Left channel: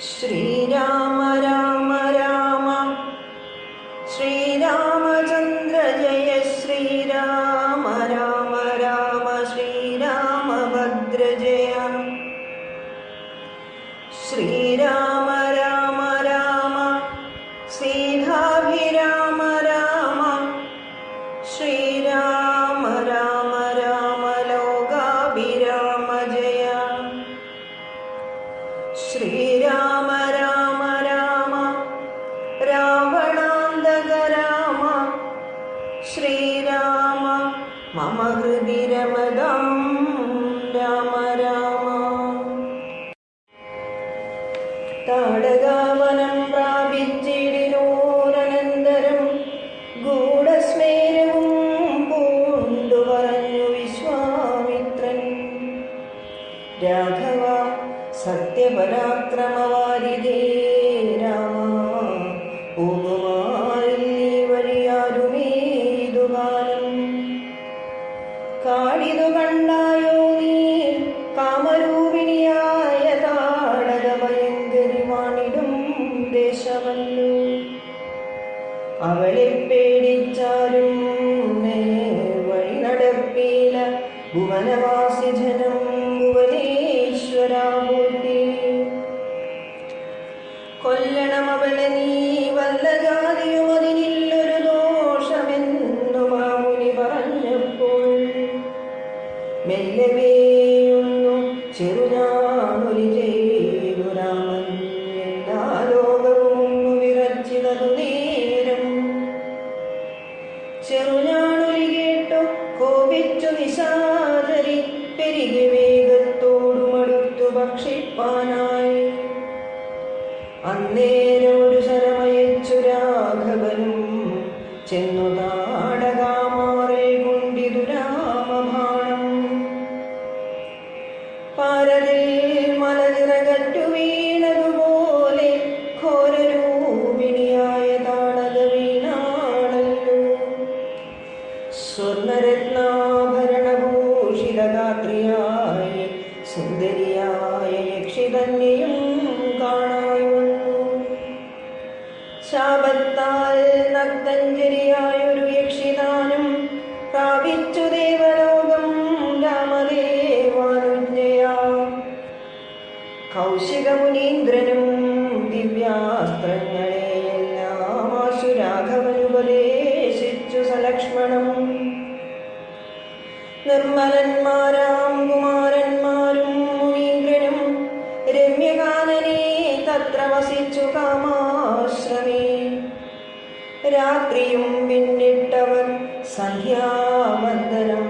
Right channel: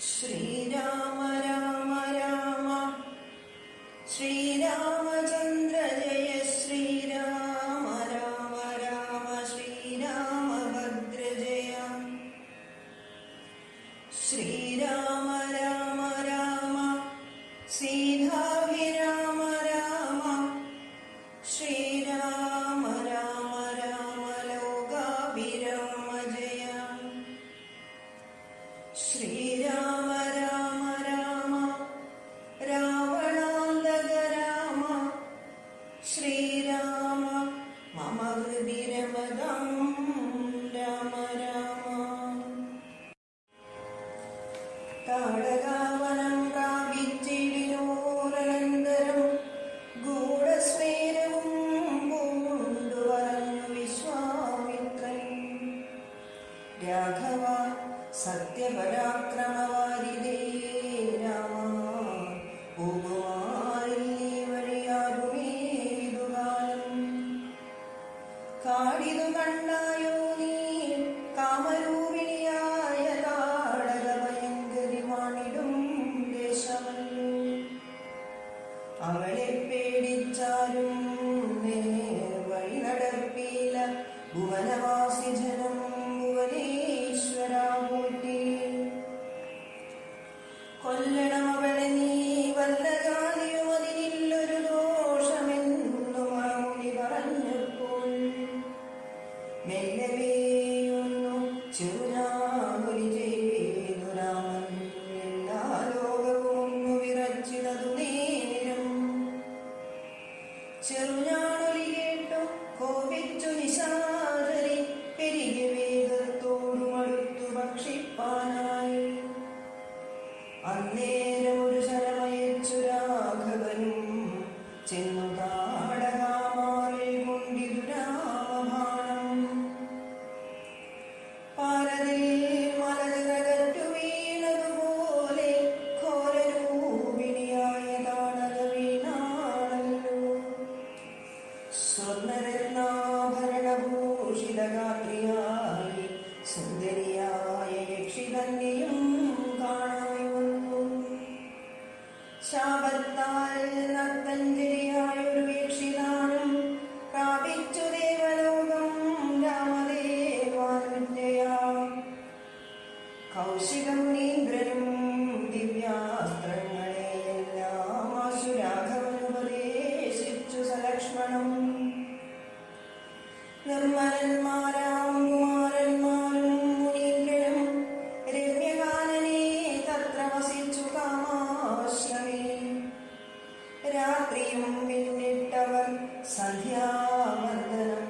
श्रीराम राम राम श्रीरामचन्द्र जय श्रीराम राम राम श्रीरामभद्र जय श्रीराम राम राम सीताभिराम राम श्रीराम राम राम लोकाभिराम जय श्रीराम राम राम रावणान्तक राम श्रीराम मम हृदि रमतां राम राम ताडकावनं प्रापिച്ചിടിനോരനന്തരം ഗൂഢസ്മേരവും പൂണ്ടു പറഞ്ഞു വിശ്വാമിത്രൻ രാഘവ സത്യപരാക്രമവാരിധേ രാമ പോകുമായി വഴിയാരുമേതുകാലം കാടിതു കണ്ടായോ നീ കാമരൂപിണിയായ താടക ഭയങ്കരി വാണിടും ദേശമല്ലോ അവളെ പേടിച്ചാലും വഴി നടപ്പില ഭുവനവാസി ജനം ഭുവനേശ്വരാ കൊല്ലണം അവളെ നീ വല്ല ജാതിയും അതിനില്ലൊരു ദോഷമെന്നു മാമുനി പറഞ്ഞപ്പോൾ മെല്ലവേയൊന്നു ചെറുഞാണൊലി ചെയ്തു രാമൻ എല്ലാ ലോകവും വിറച്ചിതതു നേരം ചെറുഞാണൊലി കേട്ടു കോപിച്ചു നിശാചരി പെരുകി വേഗത്തോടു മടുത്തു ഭക്ഷിപ്പാനായി അന്നേരമൊരു ശരമയച്ചു രാഘവനും ചെന്നു താടകാമാറെ കൊണ്ടിതു രാമബാണം പാരതിൽ മലനിറകറ്റു വീണതുപോലെ ഘോരരൂപിണിയായ താടക വീണാണല്ലോ സ്വർണരത്നാഭരണഭൂഷിതഗാത്രിയായി സുന്ദരിയായ യക്ഷി തന്നെയും ശാപത്താൽ നക്തഞ്ജരിയായൊരു യക്ഷിദാനം പ്രാപിച്ചു ദേവലോകം രാമദേവാനുജ്ഞയാ കൗശികമുനീന്ദ്രനും ദിവ്യാസ്ത്രങ്ങളെയെല്ലാം ആശു രാഘവനുപദേശിച്ചു സലക്ഷ്മണം നിർമ്മലന്മാരാം കുമാരന്മാരും മുനീന്ദ്രനും രമ്യകാനനെ തത്ര വസിച്ചു കാമാശ്രമേ രാത്രിയും പിന്നിട്ടവർ സന്ധ്യാവന്ദനം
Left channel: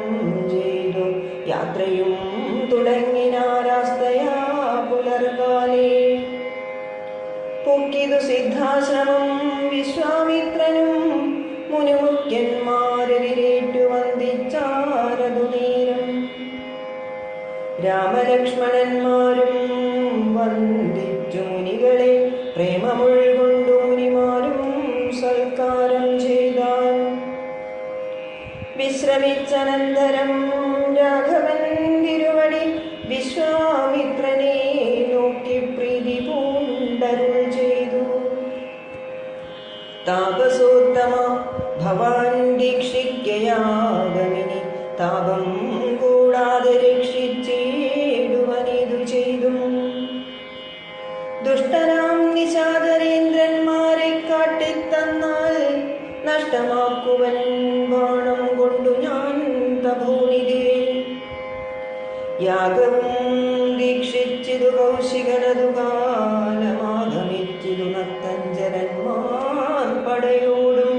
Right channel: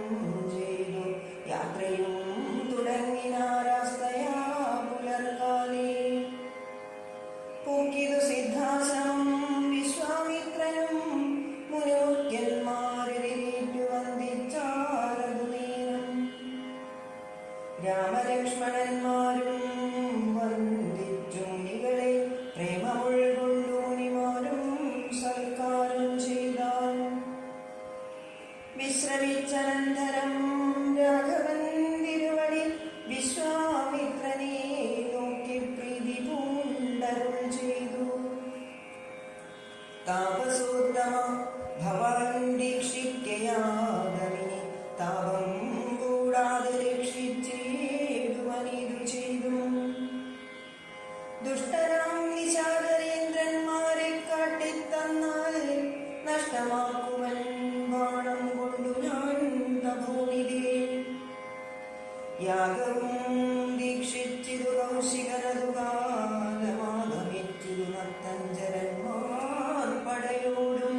ചെയ്തു യാത്രയും തുടങ്ങിനാരാസ്തയാ പുലർകാലേ പൂക്കിതു സിദ്ധാശ്രമം വിശ്വാമിത്രനും മുനിമുഖ്യന്മാരെതിരേറ്റു വന്ദിച്ചാരതു നേരം രാമലക്ഷ്മണന്മാരും വന്ദിച്ചു മുനികളെ പ്രേമമുൾകൊണ്ടു മുനിമാരും സൽക്കാരം ചെയ്താൽ വിശ്രമിച്ചനന്തരം രാഘവൻ തിരുവടി വിശ്വാമിത്രനെ നോക്കി പ്രീതി പൂണ്ടരുൾ ചെയ്തു താപസോത്തമ ഭവാൻ ദീക്ഷിക്കയാഗമിനി താപം കൂടാതെ രക്ഷിച്ചിടുവനിതു ചെയ്തും ദുഷ്ടരാം നിശാചരേന്ദ്രന്മാരെ കാട്ടിത്തന്നാൽ നഷ്ടമാക്കുവൻ ബാണം കൊണ്ടു ഞാൻ തപോനിധേ യാഗവും ദീക്ഷിച്ചിതു കൗശികനതു കാലമാഗമിച്ചിതു നക്തഞ്ജരന്മാർ പടയോടും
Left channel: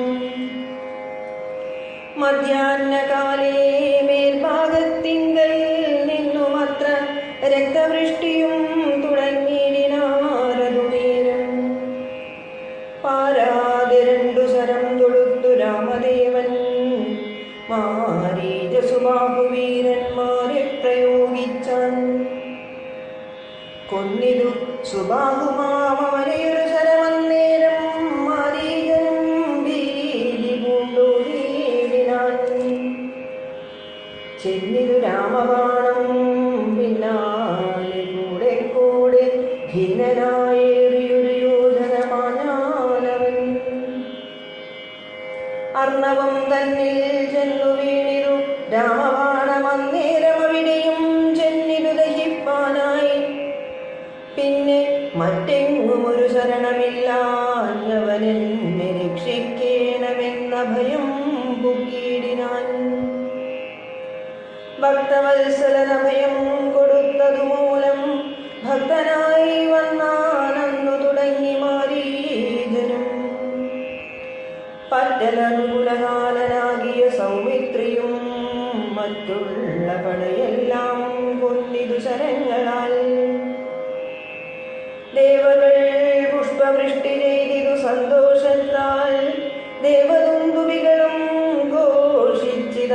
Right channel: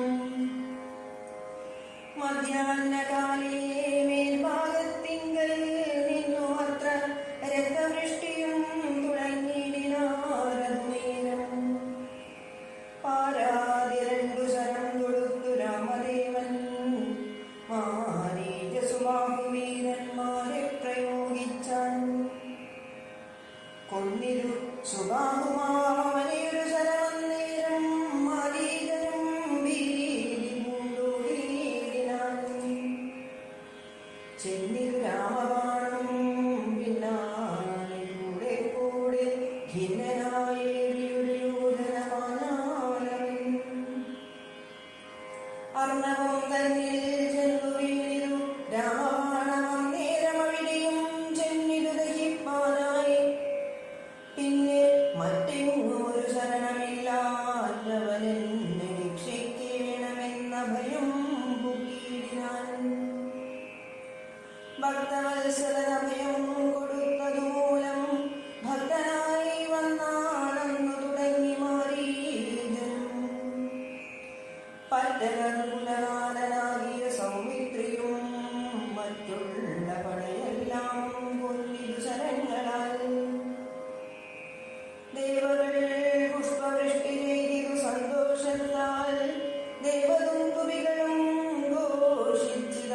മധ്യാഹ്നകാലേ മേൽഭാഗത്തിങ്കൽ നിന്നുമത്ര രക്തവൃഷ്ടിയും തുടങ്ങിയിനാരതു നേരം പാരാതെ രണ്ടു ശരം തൊടുത്തു രാമദേവൻ മാരീചസുബാഹുവീരന്മാരെ പ്രയോഗിച്ചാൻ കൊന്നിതു സുബാഹുമാവനെയൊരു ശരമന്നേരം മാരീചനും ഭീതി പൂണ്ടോടിനാൻ ചെന്നിതു രാമബാണം പിന്നാലെ കൂടെ കൂടെ ഖിന്നനായ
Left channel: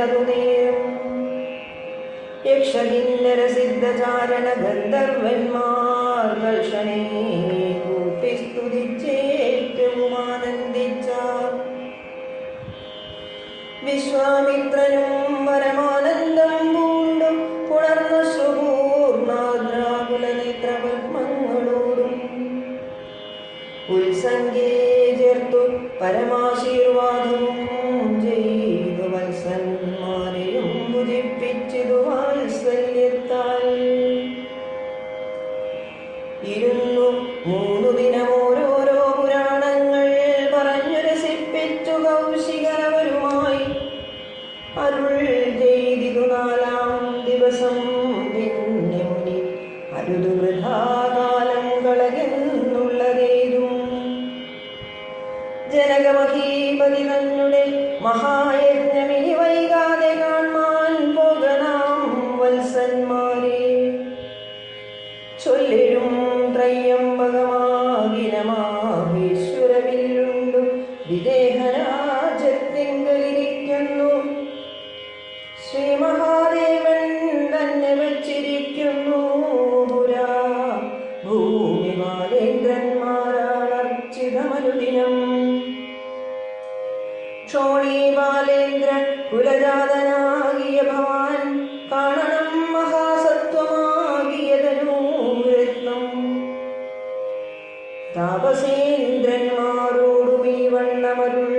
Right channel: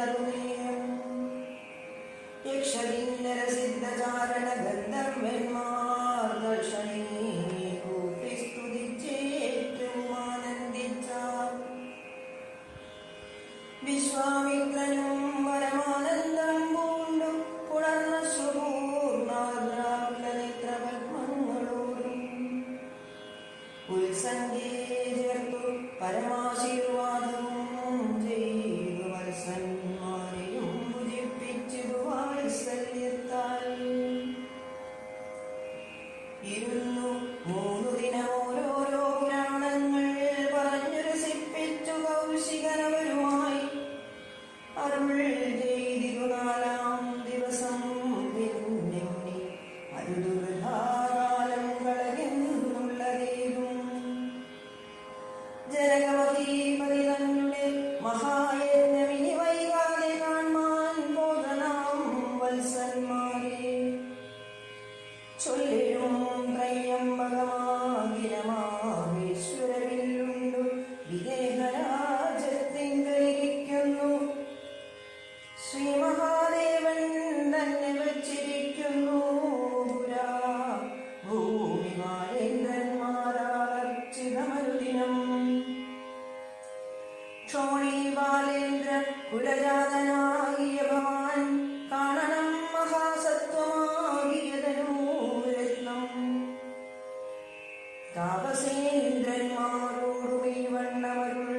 പലറുനേരും യക്ഷകിന്നര സിദ്ധചാരണ ഗന്ധർവന്മാർ കർഷണേ കൂപ്പി സ്തുതിച്ചേറ്റവും ആനന്ദിച്ച വിശ്വാമിത്രനും പരമാനന്ദം പൂണ്ടും പുണർന്ന സുപൂർണാകുലനേത്രപത്മങ്ങളോടും ഉത്സംഗേ ചേർത്തു പരമാശീർവാദവും ചെയ്തു വത്സന്മാരെയും മുജിപ്പിച്ചിതു വാത്സല്യത്താൽ ഇരുന്നു 3 ദിനം ഓരോരോ പുരാണങ്ങൾ പറഞ്ഞു രസിപ്പിച്ചു കൗശികരവരുമായി അരുൾ ചെയ്തിതു 4-ാം ദിവസം പിന്നെ മുനി അരുതു വൃഥാകാലം കളകെന്നുള്ളതേതും ജനകമഹീപതി തന്നുടെ മഹായജ്ഞമിനി വൈകാതെ കാണാൻ പോകണം വത്സന്മാരെ ചൊല്ലിടും ത്രയംബകമാകിരമാഹേശ്വരവില്ലുണ്ടു വിദേഹരാജത്തിങ്കലിരിക്കുന്നു ശ്രീ മഹാദേവൻ തന്നെ വച്ചിരിക്കുന്നു പുരാ ഭൂമി ബാലേന്ദ്രന്മാരാർച്ചിതമനുദിനം ക്ഷോണീ ബാലേന്ദ്ര കുലജാതനാകിയ ഭവാൻ കാണണം മഹാസത്വമാകിയതനൂരത്നം താപസേന്ദ്രന്മാരോടും ഈ വണ്ണമരുൾ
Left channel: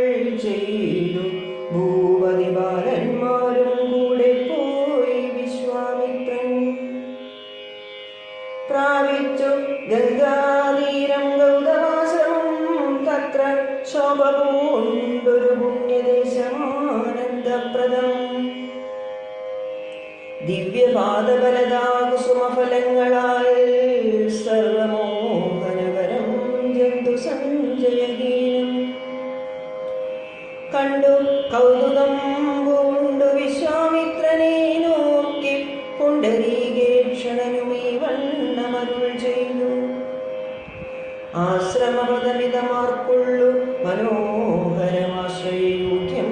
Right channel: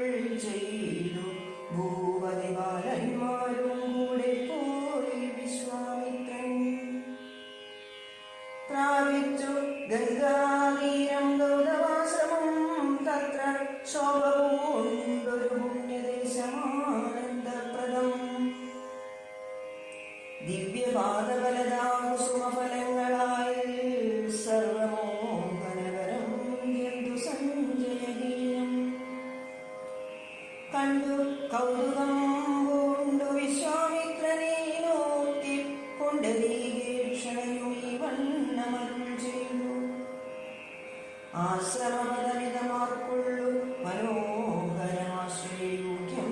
ചെയ്തു ഭൂപതി ബാലന്മാരും കൂടെ പോയി വിശ്വാമിത്രൻ പ്രാപിച്ചു ഗംഗാതീരം ഗൗതമാശ്രമം തത്ര ശോഭ പൂണ്ടൊരു പുണ്യദേശമാനന്ദപ്രദം ദിവ്യപാദബലദാകുസുമഫലങ്ങളാൽ സർവമോഹനകരം ജന്തു സഞ്ജയഹീനം കണ്ടു കൗതുകം പൂണ്ടു വിശ്വാമിത്രനെ നോക്കി പുണ്ടരീകേക്ഷണനും ഈ വണ്ണമരുൾ ചെയ്തു ആശ്രമപദമിതമാർക്കുള്ളു മനോഹരമാശ്രയോഗ്യം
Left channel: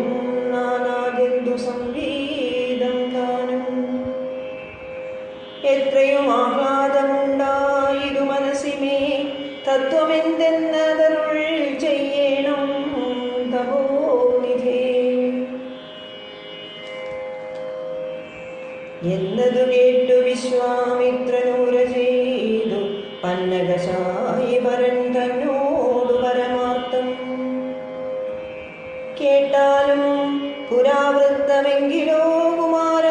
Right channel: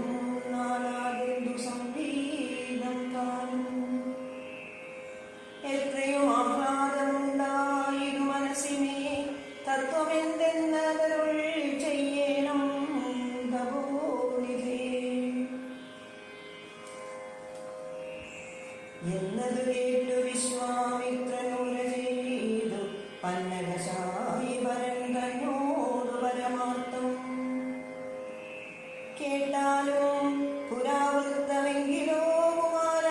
നാനാജന്തു സംഗീതം ഗാനം എത്രയും ആഹ്ലാദമുണ്ടായിതു മനസ്സിമേ തത്വമെന്തെന്നതരുൾ ചെയ്യണം തപോനിധേ എന്നതു കേട്ടു വിശ്വാമിത്രനൂര ചെയ്തു പന്നകശായി വരൻ തന്നോടു പരമാർത്ഥം കേട്ടാലും പുരാവൃത്തമെങ്കിലോ കുമാര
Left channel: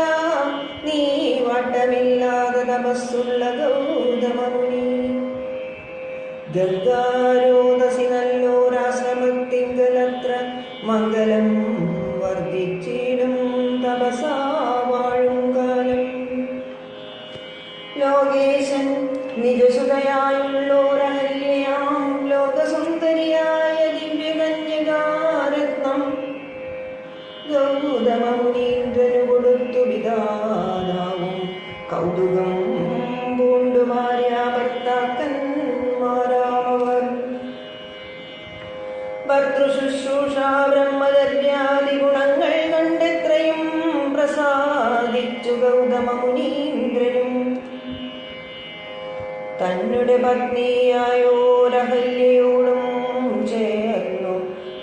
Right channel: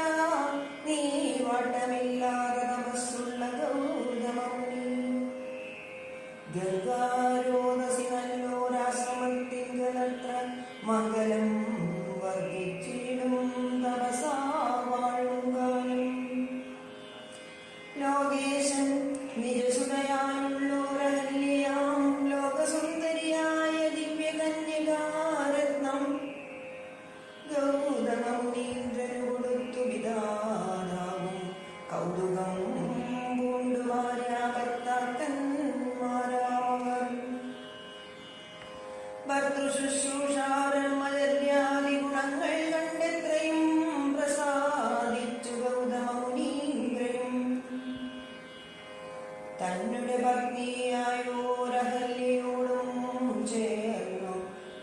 നീ വട്ടമില്ലാതെ തപസ്സുള്ള ഗൗതമമുനി ഗംഗാരോദസി നല്ലോരാശ്രമത്തിങ്കലത്ര മംഗലം വർദ്ധിച്ചിടും തപസാ വാഴും കാലം ലോകേശൻ നിജസുതയായുള്ളോരഹല്യയാം ലോകസുന്ദരിയായ ദിവ്യകന്യകാരത്നം ഗൗതമമുനീന്ദ്രനു കൊടുത്തു വിധാതാവും കൗതുകം പൂണ്ടു ഭാര്യാഭർത്താക്കന്മാരാമവർ ഭർതൃശുശ്രൂഷാ ബ്രഹ്മചര്യാദി ഗുണങ്ങൾ കണ്ടെത്രയും പ്രസാദിച്ചു ഗൗതമമുനീന്ദ്രനും തന്നുടെ പത്നിയായോരഹല്യയോടും ചേർന്നു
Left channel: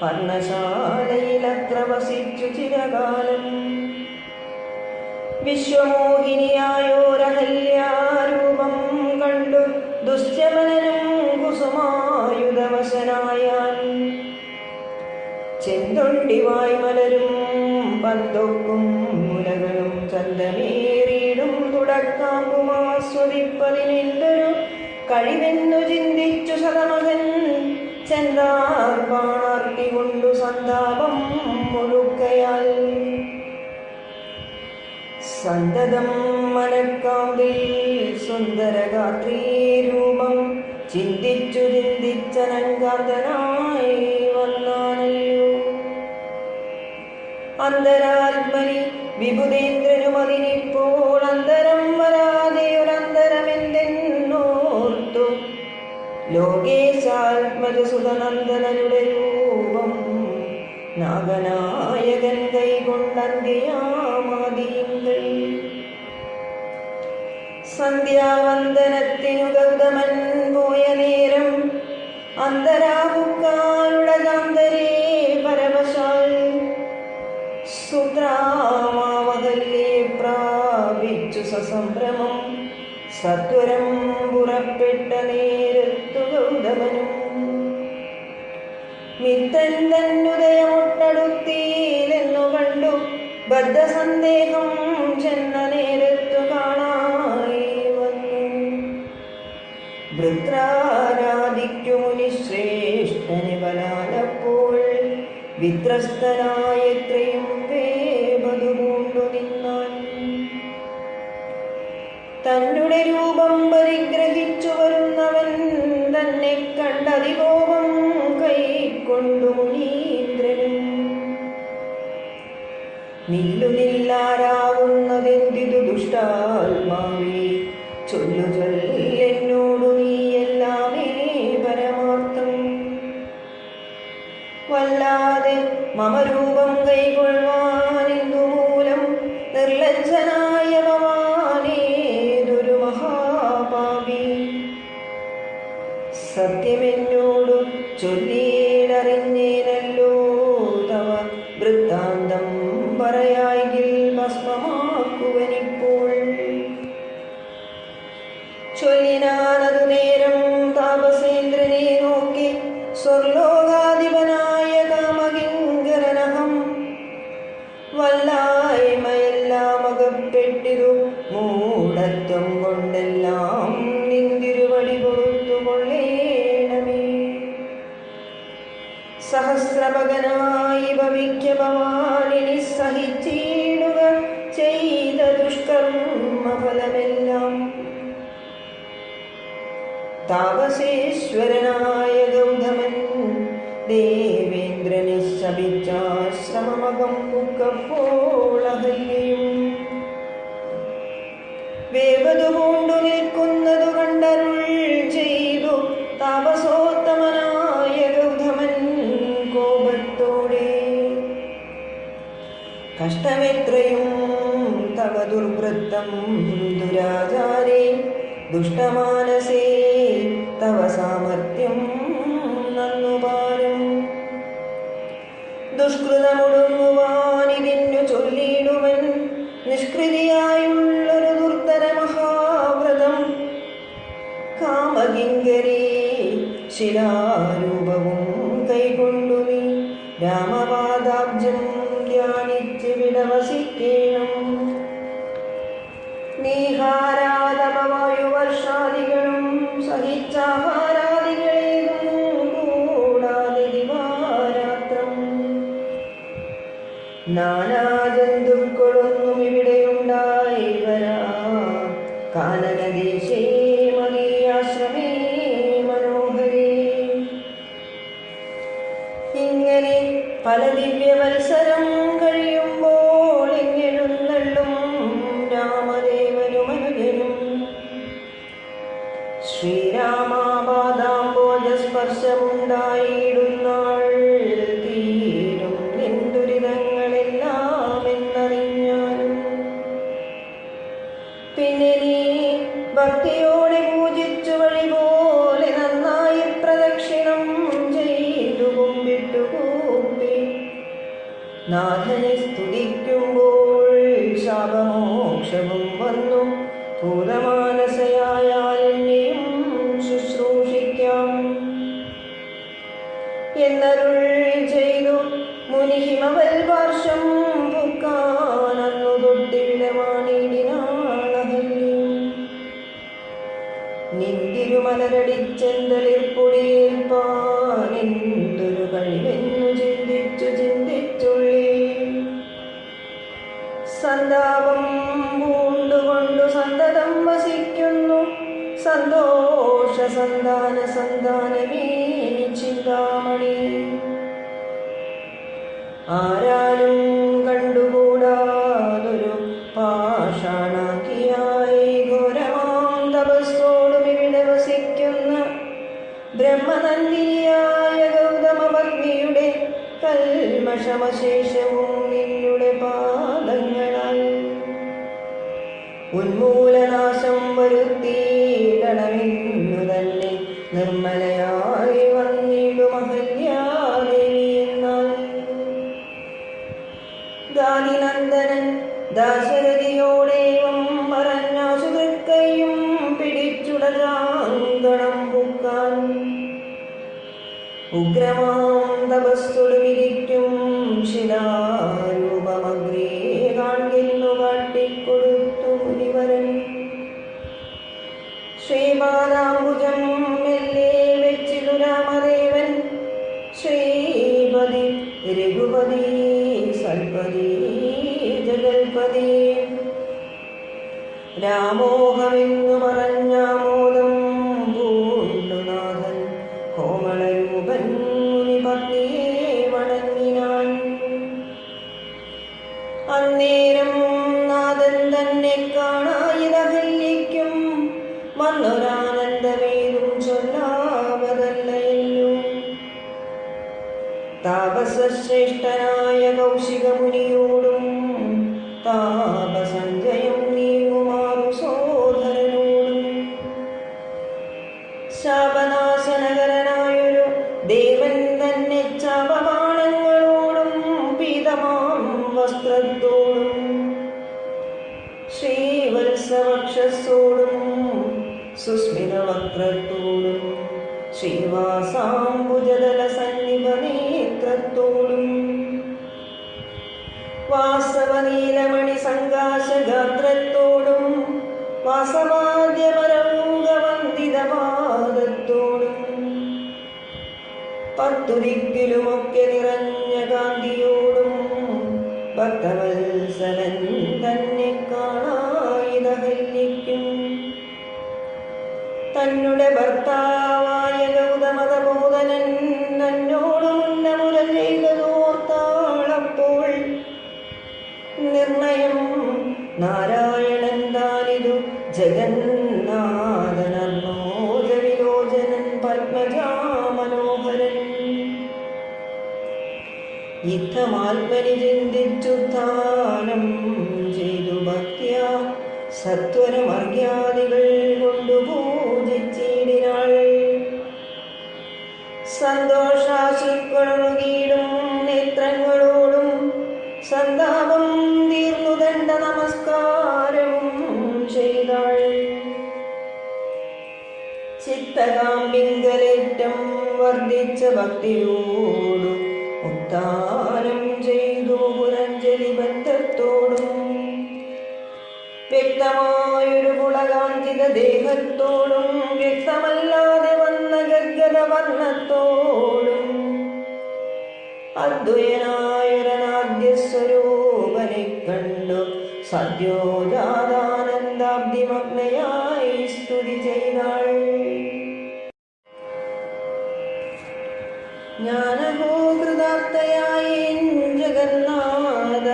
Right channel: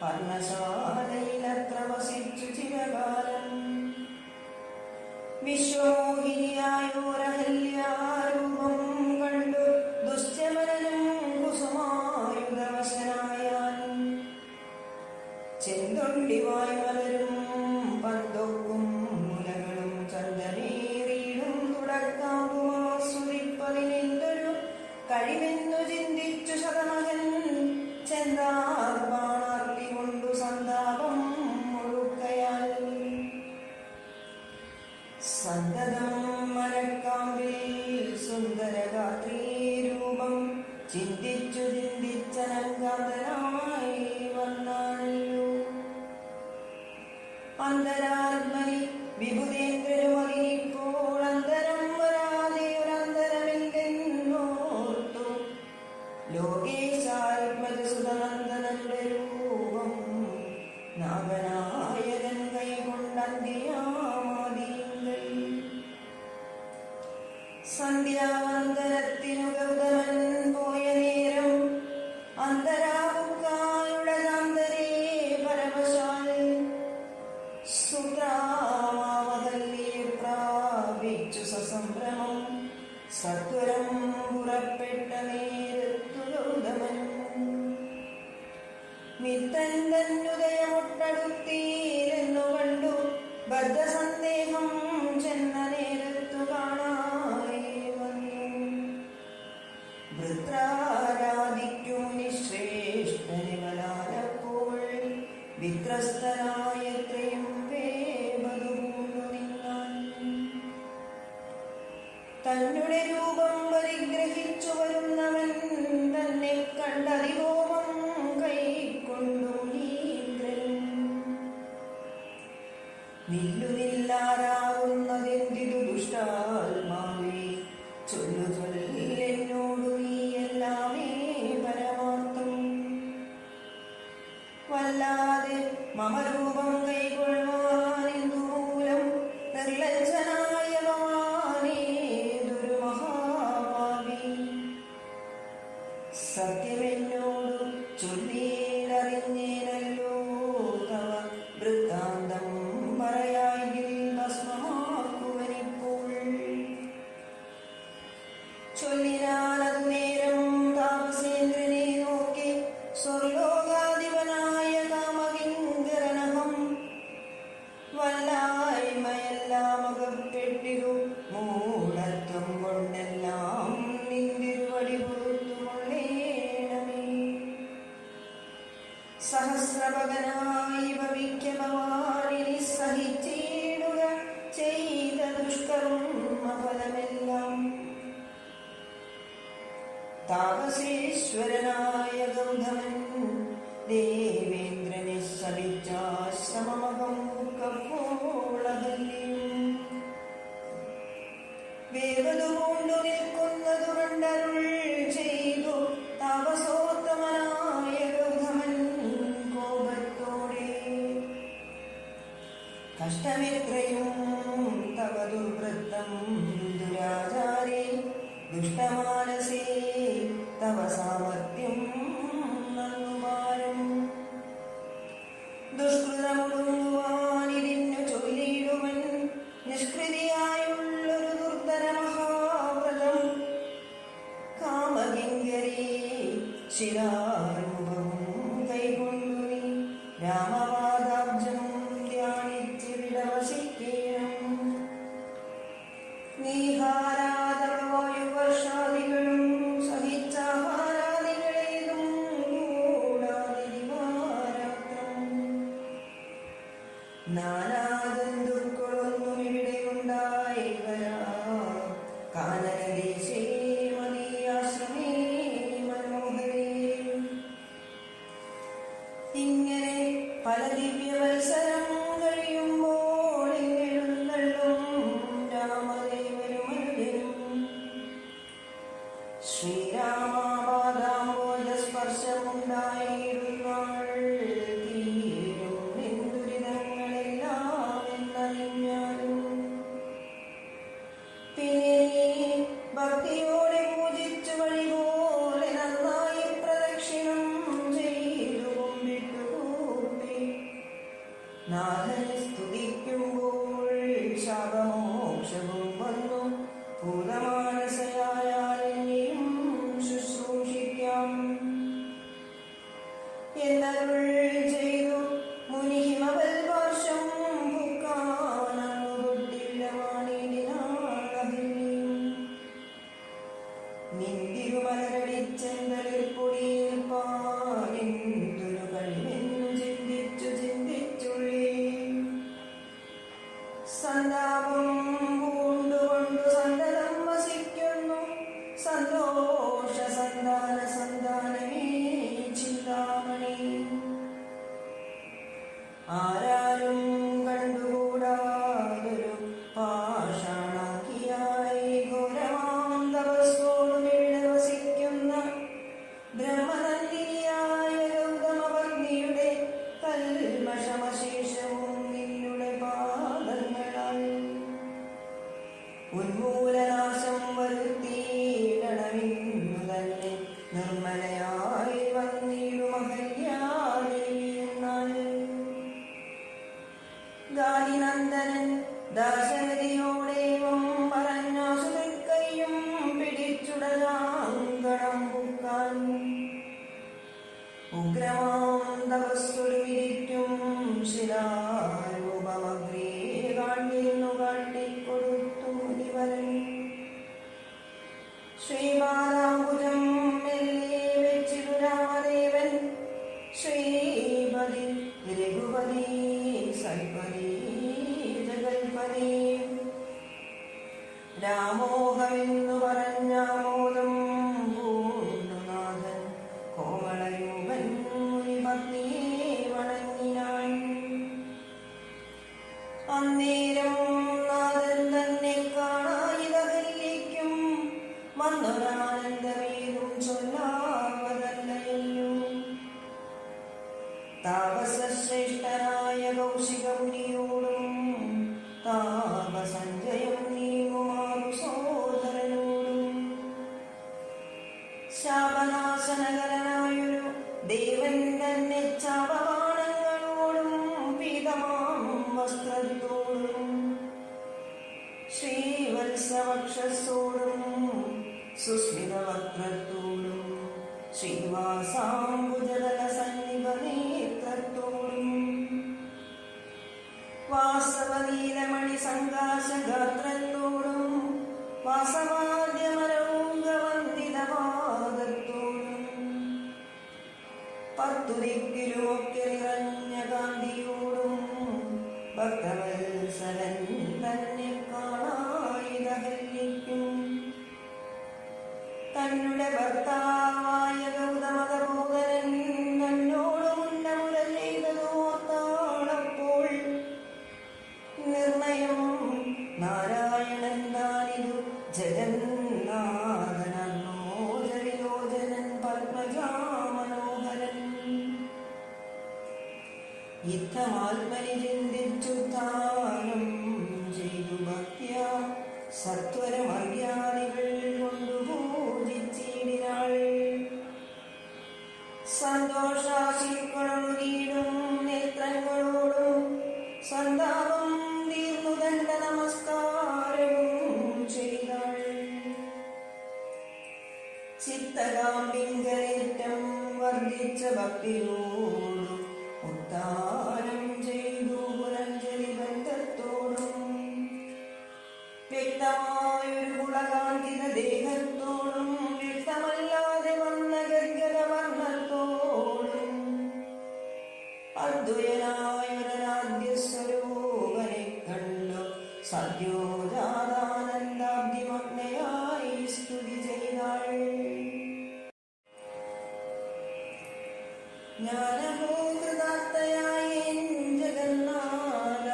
പർണശാലയിലത്ര വസിച്ചു ചിരകാലം വിശ്വമോഹിനിയായോരഹല്യാരൂപം കണ്ടു ദുശ്ചമനും കുസുമായുധവശനായാൻ ചെന്തൊണ്ടിവായ് മലരും പന്തൊക്കും മുലകളും ചന്തമേറിയിടും തുടക്കാമ്പുമാസ്വദിപ്പതിനെന്തൊരു കഴിവെന്നു ചിന്തിച്ചു ശതമകൻ ചെന്താർ പാണാർത്തി കൊണ്ടു സന്താപം മുഴുക്കയാൽ സന്തതം മനക്കാമ്പിൽ സുന്ദരഗാത്രീരൂപം ചിന്തിച്ചു ചിന്തിച്ചനങ്കാന്തനായി വന്നാനല്ലോ അന്തരാത്മനി വിഭുദേന്ദ്രനും അതിനിപ്പോൾ അന്തരം വരാതെ ഒരന്തരമെന്തെന്നോർത്തു ലോകേശാത്മജസുതനന്ദനനുടെ രൂപം നാഗനായകൻ കൈകൊണ്ടന്തിയാം സന്ധ്യാവന്ദനത്തിനു ഗൗതമൻ പോയ നേരം അന്തരാവുക്കാനുടകാന്തരേ പരവശാൽ സുത്രാമാവഹല്യേ പ്രാപിച്ചു സസംഭ്രമം സത്വരം പുറപ്പെട്ട നേരത്തു ഗൗതമനും മിത്തൻ തന്നുദയമൊട്ടടുത്തീലെന്നു കണ്ടു ബദ്ധസന്ദേഹം ചെന്ന നേരത്തു കാണായി വന്നു. വൃത്രാരാധിക്കു മുനിശ്രേഷ്ഠനെ ബലാലപ്പോൾ വിത്രസ്തനായത്രയും വേപതു പൂണ്ടു നിന്നാൻ. തന്നുടെ രൂപം പരിഗ്രഹിച്ചു വരുന്നവൻ തന്നെ കണ്ടതികോപം കൈക്കൊണ്ടു മുനീന്ദ്രനും നില്ലുനില്ലാരാവുന്നതെന്തിതു ദുഷ്ടാത്മാവേ ചൊല്ലു ചൊല്ലെന്നോടു നീയെല്ലാമേ പരമാർത്ഥം. വല്ലാതെ മമരൂപം കൈകൊള്ളുവാനെന്തു മൂലം നിർലജ്ജനായ ഭവാനേതൊരു മഹാപാപി. സത്യമെന്നോടു ചൊല്ലിയിലറിഞ്ഞേനല്ലോ തവ വൃത്താന്തം പറയായെങ്കിൽ ഭസ്മമാക്കുവനിപ്പോൾ. ചൊല്ലിനാനതു നേരം താപസേന്ദ്രനെ നോക്കി സ്വർലോകാധിപനായ കാമകിങ്കരനഹം. വല്ലായ്മയെല്ലാം അകപ്പെട്ടിരു മൂഢത്വം കൊണ്ടെല്ലാം നിന്തിരുവടി കൊടുത്തു കൊള്ളേണമേ. സഹസ്രഭകനായി ഭവിക്ക ഭവാനിനി സഹിച്ചിടുക ചെയ്ത ദുഷ്കർമ്മ ഫലമെല്ലാം. താപസേശ്വരനായ ഗൗതമൻ ദേവേന്ദ്രനെ ശപിച്ചാശ്രമമകം പുക്കപ്പോളഹല്യയും വേപതു പൂണ്ടു നിൽക്കുന്നതു കണ്ടരുൾ ചെയ്തു താപസോത്തമനായ ഗൗതമൻ കോപത്തോടെ. കഷ്ടമെത്രയും തവ ദുർവൃത്തം ദുരാചാരേ ദുഷ്ടമാനസേ തവ സാമർത്ഥ്യം നന്നുപാരം. ദുഷ്കൃതമൊടുങ്ങുവാനിതിന്നു ചൊല്ലിയിടുവൻ നിഷ്കൃതിയായുള്ളൊരു ദുർധര മഹാവ്രതം. കാമകിങ്കരീ ശിലാരൂപവും കൈകൊണ്ടു നീ രാമപാദാബ്ജം ധ്യാനിച്ച് വിടവസിക്കേണം. നീഹാരാതപവായുവർഷാദികളും സഹിച്ചാഹാരാദികളേതും കൂടാതെ ദിവാരാത്രം നാനാജന്തുക്കളൊന്നും ഇവിടെയുണ്ടായി വരാ. കാനനദേശേ മദീയാശ്രമേ മനോഹരേ. ഇങ്ങനെ പല ദിവ്യവത്സരം കഴിയുമ്പോൾ എങ്ങെഴുന്നള്ളും രാമദേവനും അനുജനും. ശ്രീരാമാപാദാംബോജസ്പർശമുണ്ടായിടുന്നാൾ തീരും എന്തുരിതങ്ങളെല്ലാം എന്നറിഞ്ഞാലും. പിന്നെ നീ ഭക്തിയോടെ പൂജിച്ചു വഴി പോലെ നന്നായി പ്രദക്ഷിണം ചെയ്തു കുമ്പിട്ടു കൂപ്പി നാഥനെ സ്തുതിക്കുമ്പോൾ ശാപമോക്ഷവും വന്നു. ഭൂതമാനസയായാൽ എന്നെയും ശുശ്രൂഷിക്കാം എന്നരുൾ ചെയ്തു മുനിഹിമവൽ വർഷം പൂക്കാനന്നു തൊട്ടിവിടമാണിടിനാളഹല്യം. നിന്തിരുമലരടിച്ചെന്തളിർപ്പൊടിയേൽപ്പാനെന്തൊരു കഴിവെന്നു ചിന്തിച്ചുള്ളിൽ സന്താപം പൂണ്ടുകൊണ്ടു സന്തതം വസിക്കുന്നു. സന്തോഷ സന്താനമേ ചിന്താമണി. ആരാലും കണ്ടുകൂടാതൊരു പാഷാണാക്കിയായി ഘോരമാം തപസ്സോടും ഇവിടെ വസിക്കുന്ന ബ്രഹ്മനന്ദിനിയായ ഗൗതമപത്നിയുടെ കൽമഷമശേഷവും നിന്നുടെ പാദങ്ങളാൽ ഉന്മൂലനാശം വരും ഉഗ്രമാം തപസ്സൊടുമിരിക്കും ശിലാരൂപമഗ്രേ കാൺകിന്നു കാട്ടിക്കൊടുത്തു മുനിവരൻ. ശ്രീപാദാംബുജം മെല്ലെ വെച്ചിതു രാമദേവൻ. ശ്രീപതി രഘുപതി സൽപതി ജഗൽപതി രാമോഹമെന്നു പറഞ്ഞാമോദം പൂണ്ടുനാഥൻ കോമളരൂപൻ മുനിപത്നിയെ വണങ്ങിനാൻ. അന്നേരം നാഥൻ തന്നെ കാണായിതഹല്യയ്ക്കും വന്നൊരാനന്ദമേതും ചൊല്ലാവതല്ലയല്ലോ. താപസശ്രേഷ്ഠനായ കൗശികമുനിയോടും താപസഞ്ജയം നീങ്ങുമാറു സോദരനോടും ശാപനാശനകരനായൊരു ദേവൻ തന്നെ ചാപബാണങ്ങളോടും പീതമാം വസ്ത്രത്തോടും ശ്രീവത്സവക്ഷസോടും സുസ്മിതവക്ത്രത്തോടും ശ്രീവാസാംബുജദല സന്നിഭനേത്രത്തോടും വാസവനീലമണി സങ്കാശഗാത്രത്തോടും വാസവാദ്യമരംഗവന്ദിതപാദത്തോടും പത്തു ദിക്കിലുമൊക്കെ നിറഞ്ഞ കാന്തിയോടും ഭക്തവത്സലൻ തന്നെ കാണായിതഹല്യയ്ക്കും തന്നുടെ ഭർത്താവായ ഗൗതമതബോധനൻ തന്നോടും മുര ചെയ്തതോർത്താളപ്പോൾ നിർണയം നാരായണൻ താനിതു ജഗന്നാഥനർണോജവിലോചനൻ പത്മജാമനോഹരൻ. യുദ്ധമാത്മനി ചിന്തിച്ചുത്ഥാനം ചെയ്തു ഭക്തിയ സത്വരമർഗ്യാദികൾ കൊണ്ടു പൂജിച്ചിടിനാൾ. സന്തോഷാശുക്കളൊഴുകിയിടും നേത്രങ്ങളോടും സന്താപം തീർന്നു കണ്ട നമസ്കാരവും ചെയ്താൾ. ചിത്തകാമ്പിങ്കലേറ്റം വർദ്ധിച്ച ഭക്തിയോടു ഉത്താനം ചെയ്തു പുരഞ്ജലി ബന്ധത്തോടും വ്യക്തമായൊരു പുളകാഞ്ചിത ദേഹത്തോടും വ്യക്തമല്ലാതെ വന്ന ഗദ്ഗത വർണ്ണത്തോടും അദ്വയനായൊരനാദ്യസ്വരൂപനെ കണ്ടു സദ്യോജാതാനന്ദാബ്ദിമഗ്നയായി സ്തുതി ചെയ്താൾ. ജ്ഞാനഹോ കൃതാർത്ഥയായി ജഗന്നാഥ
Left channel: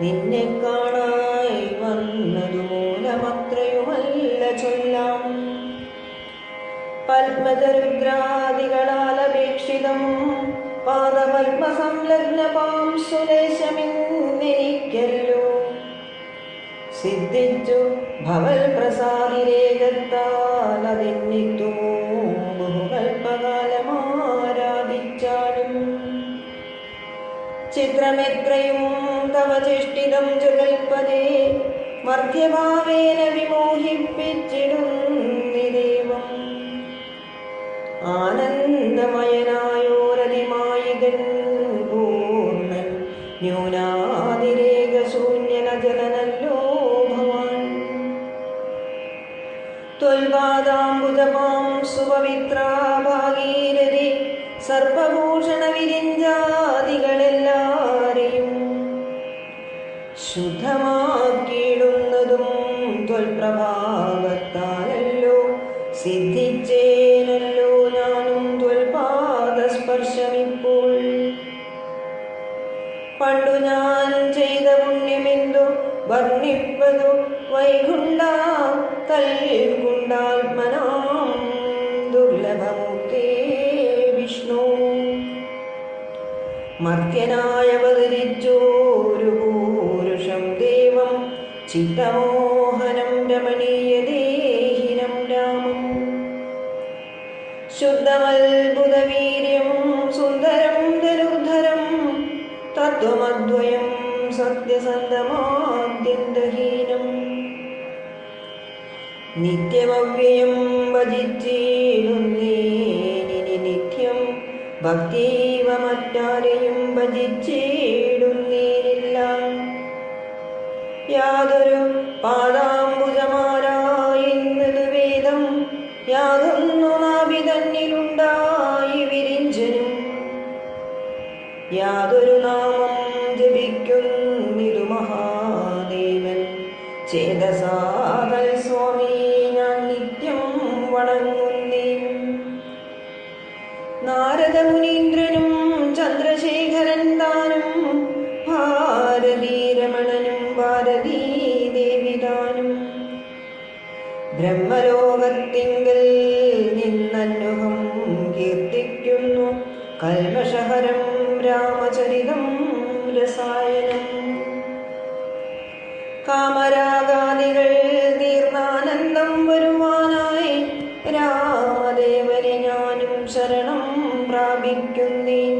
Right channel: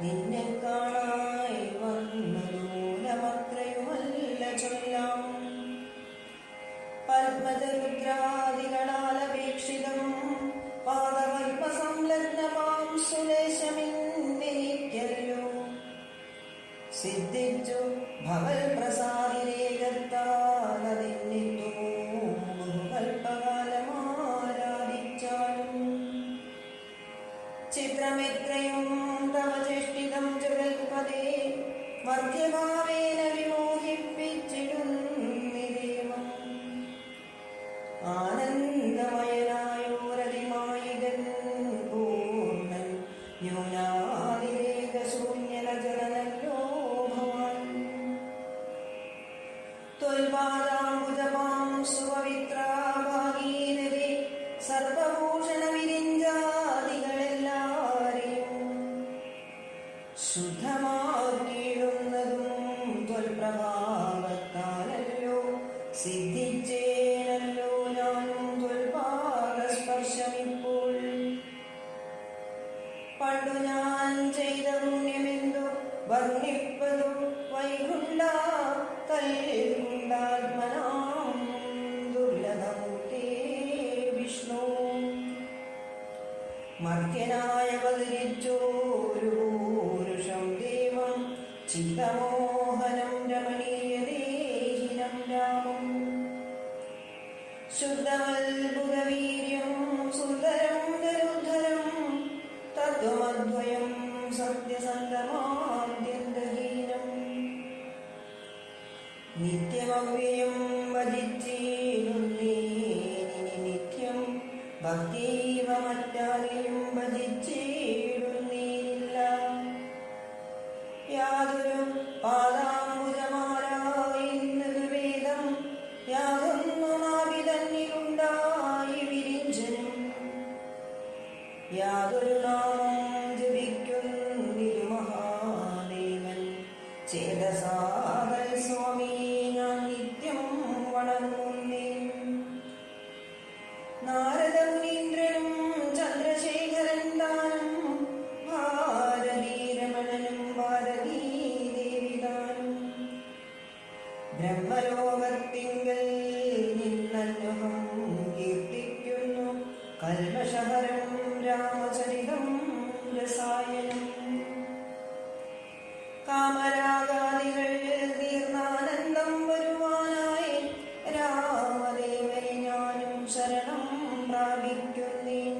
നിന്നെ കാണായി വന്നതു മൂലമത്രയുമല്ല ചൊല്ലാം. പത്മജരുദ്രാദികളാലപേക്ഷിതം പാദപത്മസംലഗ്ന പാംസുലേശമെന്നെനിക്കല്ലോ സിദ്ധിച്ചു ഭവൽ പ്രസാദിരേഖത്താൽ അതെന്നിത്തു ബഹുകൽപ്പകാലമാരാധിച്ചാലും. ചിത്രമെത്രയും തവ ചേഷ്ടിതം ജഗൽപദേ മധ്യഭാവേന വിമോഹിപ്പിച്ചിടുന്നിദേവം. ആനന്ദമയനായോരതിമായികൻ പൂർണ്ണൻ ന്യൂനാതിരേകശൂന്യനജലനല്ലോ ഭവാൻ. ത്വൽപാദാംബുജമാം സുപവിത്രാഭാഗീരഥി സർപ്പഭൂഷണ വിരിഞ്ചാദികളെല്ലാരെയും ശുദ്ധമാക്കിയിടുന്നതും ത്വൽപ്രഭാവത്താലല്ലോ സിദ്ധിച്ചേനല്ലോ ഞാനും ത്വൽപാദസ്പർശമിപ്പോൾ. പണ്ടു ഞാൻ ചെയ്ത പുണ്യമെന്തു വർണ്ണിപ്പതു വൈകുണ്ഠ തൽകുണ്ടാത്മനാം ദുർലഭമുക്തേ വിഷ്ണു. മർത്യനായവതരിച്ചോരു പൂരുഷം ദേവം ചിത്തമോഹനം രമണീയദേഹിനം രാമം. ശുദ്ധമത്ഭുതവീര്യം സുന്ദരം ധനുർധരം തത്വമദ്വയം സത്യസന്ധമാദ്യന്തഹീനം. നിത്യമവ്യയം ഭജിച്ചിരുന്നേനി നിത്യം ഭക്തീവ മറ്റാരെയും ഭജിച്ചിടുന്നീരില്ല. യാതൊരു പാദാംബുജമാരായെന്നത് വേദം, യാതൊന്നു നാഭി തന്നിലുണ്ടായി വിരിഞ്ചനും. യാതൊരു നാമം ജപിക്കുന്നിതു മഹാദേവൻ, ചേതസാതൽ സ്വാമി ഞാൻ നിത്യം വണങ്ങുന്നേ. നാരദ മുനീന്ദ്രനും ചന്ദ്രശേഖരൻ താനും, ഭാരതീരമണനും ഭാരതീ ദേവി താനും. ബ്രഹ്മലോകത്തിങ്കൽ നിന്നന്നുഹം കീർത്തിക്കുന്നു, കൽമഷഹരം രാമചരിതം രസായനം. കാമരാഗാദികൾ തീർന്നാനന്ദം വരുവാനായി, രാമദേവനെ ഞാനും ശരണം പ്രാപിക്കുന്നേൻ.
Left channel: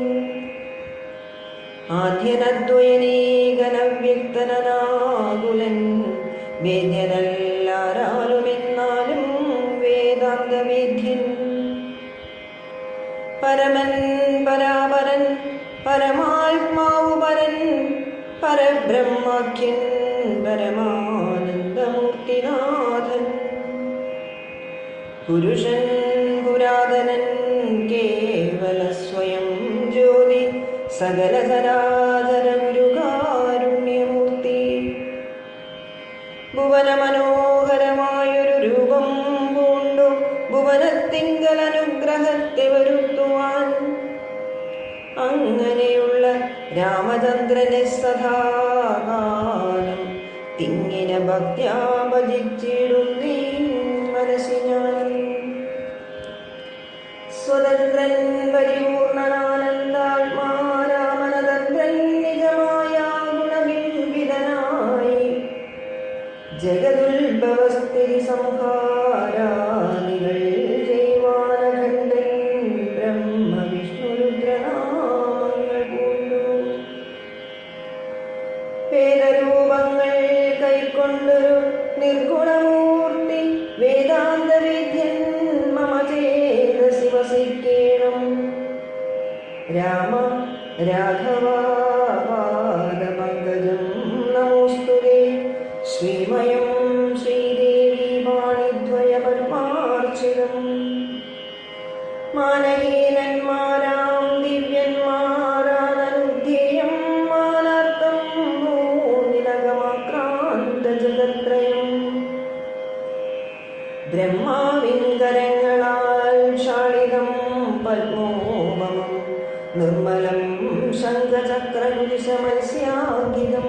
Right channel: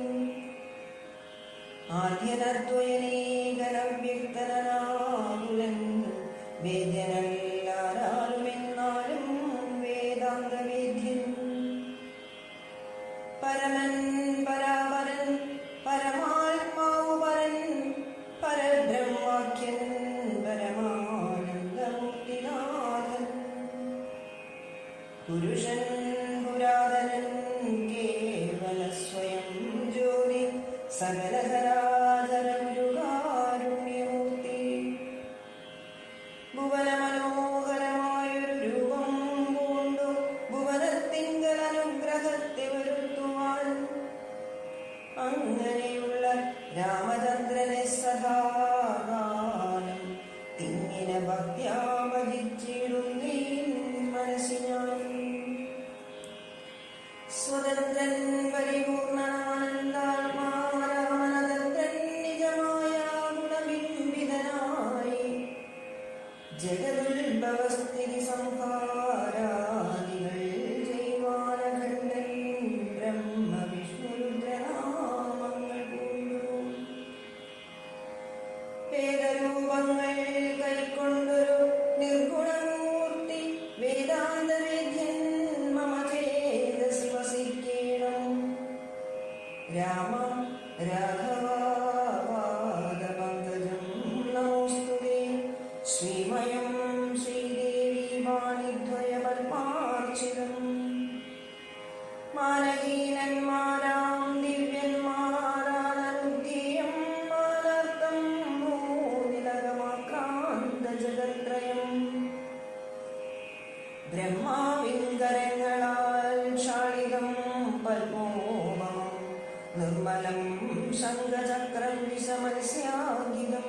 ആദ്യനദ്വയനീകനവ്യക്തനാകുലൻ, വേദ്യനല്ലാരാലുമെന്നാലും വേദാന്തവേദ്യൻ. പരമൻ പരാപരൻ പരമാത്മാവു പരൻ, പരബ്രഹ്മാഖ്യൻ പരമാനന്ദമൂർത്തിനാഥൻ. പുരുഷൻ പുരാതനൻ കേവല സ്വയം ജ്യോതി, സകല ചരാചര ഗുരുകാരുണ്യമൂർത്തി. ഭുവന മനോഹരമായൊരു രൂപം പൂണ്ടു, ഭുവനത്തിങ്കൽ അനുഗ്രഹത്തെ വരുത്തുവാൻ. അങ്ങനെയുള്ള രാമചന്ദ്രനെ സദാകാലം തിങ്ങിന ഭക്ത്യാ ഭജിച്ചിടുന്നീ മനസ്സി ഞാൻ. സ്വതന്ത്രൻ പരിപൂർണനാനന്ദാത്മാ രാമനതന്ത്രൻ നിജമായ ഗുണബിംബിതനായി, ജഗതുൽഭവസ്ഥിതി സംഹാരാദികൾ ജൈവാനഖണ്ഡൻ ബ്രഹ്മ വിഷ്ണു രുദ്രനാമങ്ങൾ പൂണ്ടു. വേദരൂപങ്ങൾ കൈക്കൊണ്ടൊരു നിർഗുണമൂർത്തി, വേദാന്തവേദ്യൻ മമ ചേതസി വസിക്കേണം. രാമ രാഘവ പാദപങ്കജം നമോസ്തുതേ, ശ്രീമയം ശ്രീദേവി പാണിദ്വയ പത്മാർച്ചിതം. മാനഹീനന്മാരാം ദിവ്യന്മാരാനനുധ്യേയം, മാനാർത്ഥം മൂന്നിനകമാക്രാന്ത ജഗത്രയം. ബ്രഹ്മാവിൻ കരങ്ങളാൽ ക്ഷാളിതം പത്മോപമം, നിർമ്മലം ശംഖചക്രകുലിശമത്സ്യാങ്കിതം.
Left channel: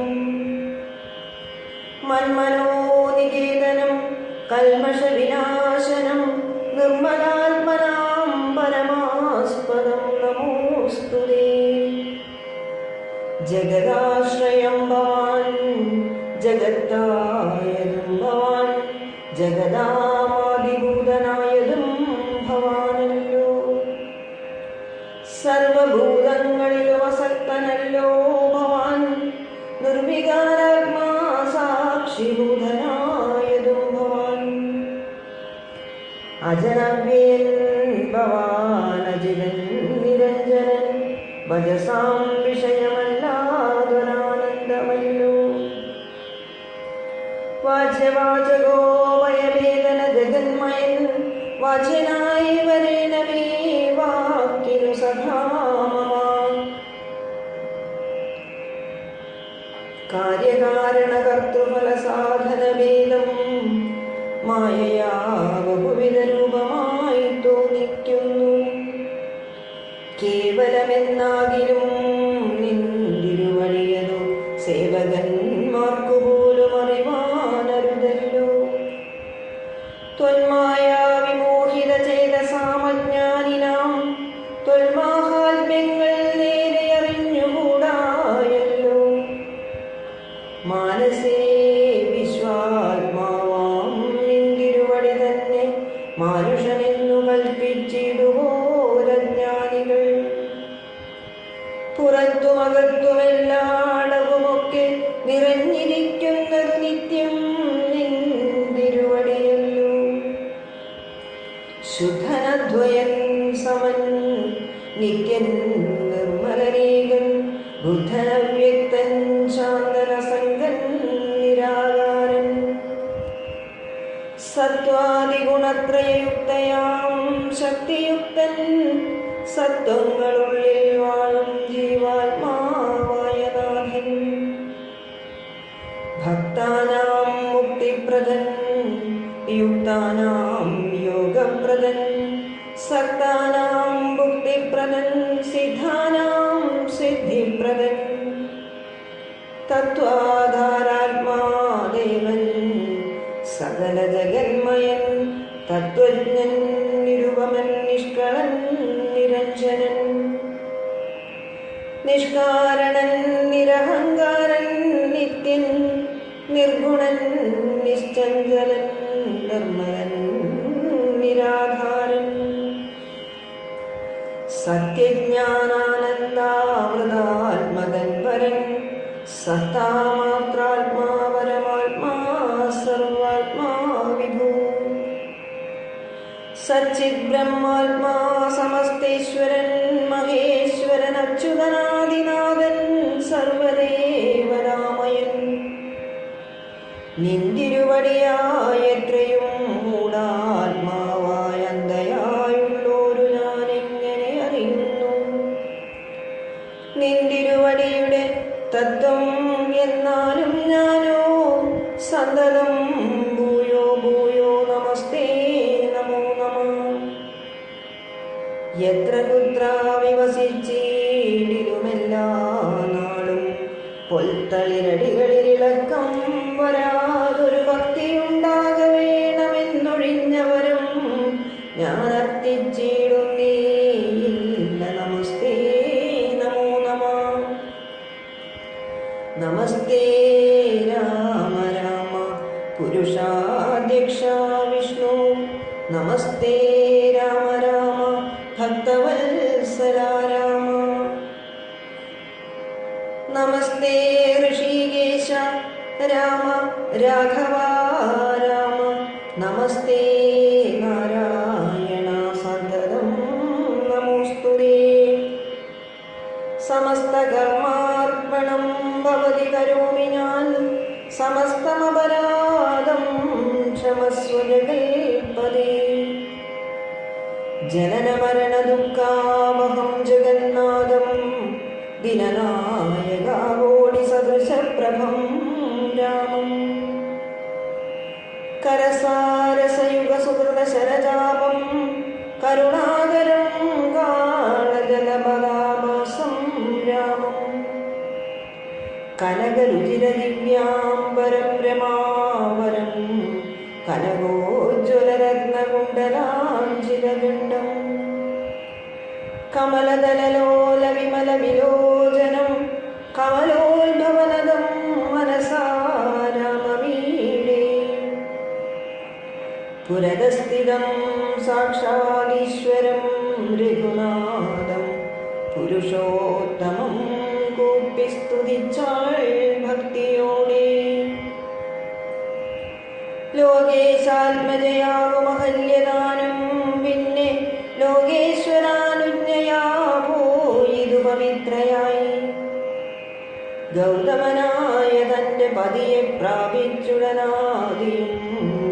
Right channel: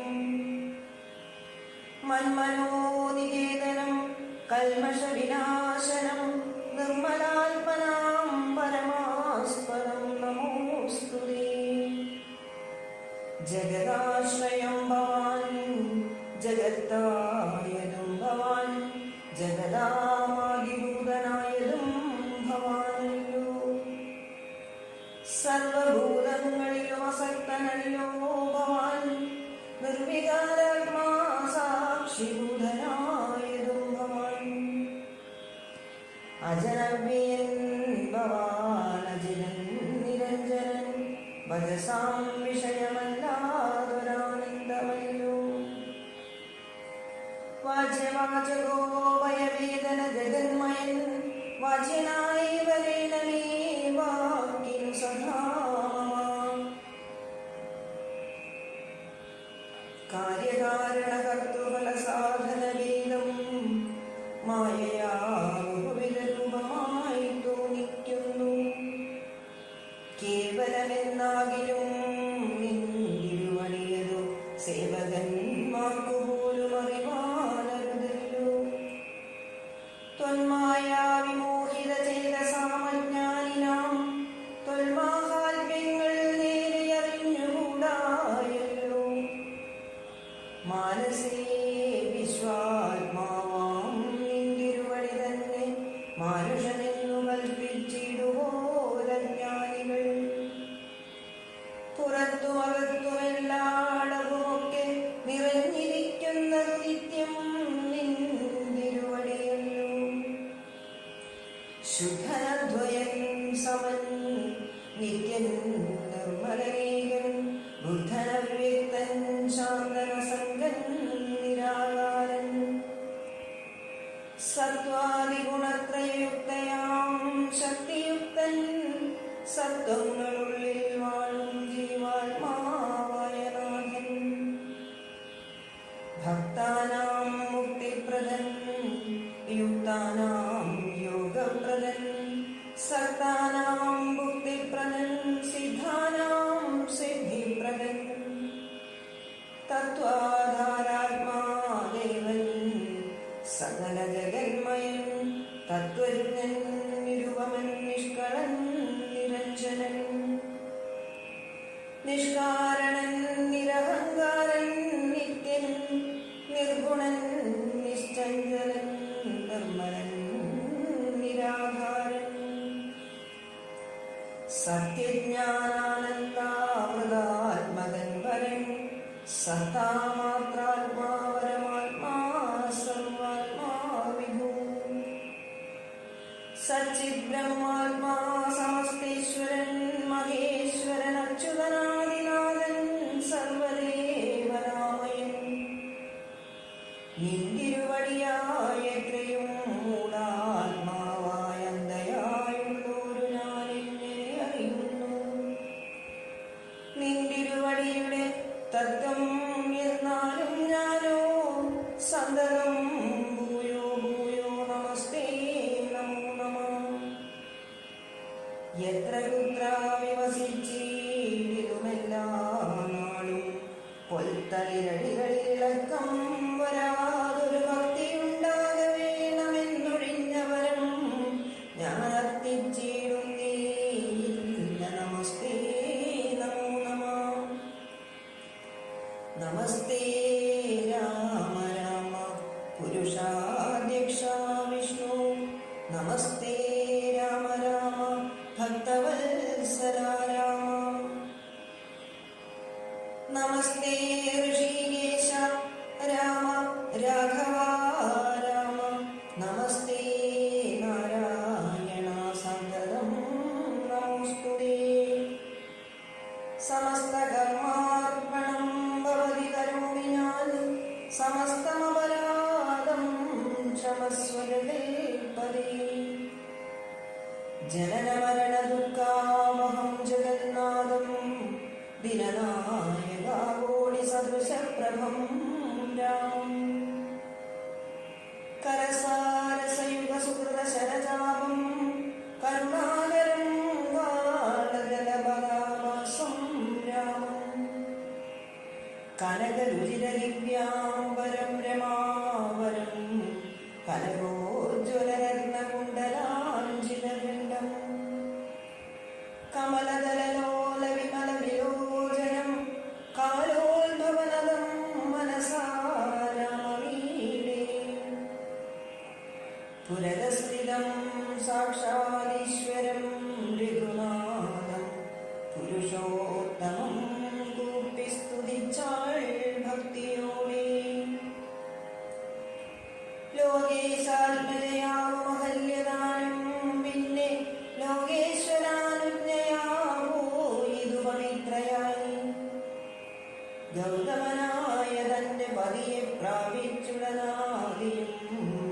മന്മനോനികേതനം കൽമഷവിനാശനം, നിർമ്മലാത്മനാം പരമാസ്പദം നമോസ്തുതേ. ജഗദാശ്രയം ഭവാൻ ജഗത്തായതും ഭവാൻ, ജഗദാമാദിഭൂതനായതും ഭവാനല്ലോ. സർവഭൂതങ്ങളിലും അസക്തനല്ലോ ഭവാൻ, നിർവികാരാത്മാ സാക്ഷിഭൂതനായതും ഭവാൻ. അജനവ്യയൻ ഭവാനജിതൻ നിരഞ്ജനൻ, ഭജസാം വിഷയമല്ലാതൊരാനന്ദമല്ലോ. വാച്യവാചകോ വയവേദന ജഗന്മയൻ, വാച്യനായി വരേണമേ വാക്കിനു സധാമമാ. കാര്യകാരണകർത്തൃഫലസാധനഭേദം മായയാ ബഹുവിധ രൂപമായി തോന്നിക്കുന്നു. കേവലമെന്നാകിലും നിന്തിരുവഴിയതു സേവകന്മാർക്കു പോലും അറിവാനരുതല്ലോ. ത്വന്മായ വിമോഹിത ചേതസാമജ്ഞാനിനാം, ത്വന്മാഹാത്മ്യങ്ങൾ നേരെ അറിഞ്ഞുകൂടായല്ലോ. മാനസേ വിശ്വാത്മാവാം നിന്തിരുവടി തന്നെ, മാനുഷനെന്നു കൽപ്പിച്ചിടുവോരജ്ഞാനികൾ. പുറത്തുമകത്തുമെല്ലാടവുമൊക്കെ നിറഞ്ഞിരിക്കുന്നത് നിത്യം നിന്തിരുവടിയല്ലോ. ശുദ്ധനദ്വയൻ സമൻ നിത്യൻ നിർമ്മലനീകൻ ബുദ്ധനവ്യക്തൻ ശാന്തനസംഗൻ നിരാകാരൻ സത്വാദിഗുണത്രയയുക്തയാം ശക്തിയുക്തൻ സത്വങ്ങളുള്ളിൽ വാഴും ജീവാത്മാവായ നാഥൻ ഭക്താനാം മുക്തിപ്രദൻ യുക്താനാം യോഗപ്രദൻ സക്താനാം ഭുക്തിപ്രദൻ സിദ്ധാനാം സിദ്ധിപ്രദൻ തത്വാധാരാത്മാദേവൻ സകല ജഗന്മയൻ തത്വജ്ഞൻ നിരുപമൻ നിഷ്കളൻ നിരഞ്ജനൻ നിഷ്കാരണൻ നിരഹങ്കാരൻ നിത്യൻ നിർഗുണൻ നിശ്ചഞ്ചലൻ നിർമ്മലൻ നിരാധാരൻ സത്യജ്ഞാനാനന്ദാമൃതാത്മകൻ വരൻ സത്താമാത്രാത്മാ പരമാത്മാ സർവാത്മാ വിഭൂ സച്ചിത് ബ്രഹ്മാത്മാ സമസ്തേശ്വരൻ മഹേശ്വരൻ അച്യുതനാദിനാഥൻ സർവദേവരാമയൻ നിന്തിരുവടിയായ എത്രയും മൂടാത്മാവായ അന്തയായുള്ളോരു ഞാൻ എങ്ങനെ അറിയുന്നു നിന്തിരുവടിയുടെ തത്വം എന്നാലും ഞാനോ സന്തതം ഭൂയോ ഭൂയോ നമസ്തേ നമോ നമഃ എത്ര കുത്ര വിവസിച്ചിടിലുമെല്ലാ നാളും പൊൽത്തളിരടികളിലിളക്കം വരാതൊരു ഭക്തിയുണ്ടാക വേണമെന്നൊഴിഞ്ഞവരും ഞാൻ അർത്ഥിച്ചിടുന്നേയില്ല നമസ്തേ നമോ നമഃ നമസ്തേ രാമ രാമ പുരുഷാധ്യക്ഷ വിഷ്ണു നമസ്തേ രാമ രാമ ഭക്തവത്സല രാമ നമസ്തേ ഋഷികേശ രാമ രാഘവ രാമ നമസ്തേ നാരായണ സദരം നമോസ്തുതേ സമസ്തകർമാർപ്പണം ഭവതി കരോമി ഞാൻ സമസ്തമപരാധം ക്ഷമസ്വ ജഗൽപദേ ജനനമരണ ദുഃഖാവഹം ജഗന്നാഥം ദിനനായകാവോടി സദൃശപ്രഭം രാമം കരസാരസയുഗ സുഹൃത ശരജാപം കരുണാകരം കാളജലപദാഭാസം രാമം കനകരുചിരദിവ്യാംബരം രമാവരം കനകോജ്വലരത്നകുണ്ടലാഞ്ജിതഗണ്ഡം കമലദലലോല വിമല വിലോചനം കമലോത്ഭവനദം മനസാ രാമമീഡേ പുരതസ്ഥിതം സാക്ഷാദീശ്വരം രഘുനാഥം പുരുഷോത്തമം കൂപ്പി സ്തുതിച്ചാൾ ഭക്തിയോടെ ലോകേശാത്മജയാകുമഹല്യദാനം പിന്നെ ലോകേശ്വരാനുജ്ഞയാ പോയിതു പവിത്രയായി ഗൗതമനായ തന്റെ പതിയെ പ്രാപിച്ചുടനാദിയും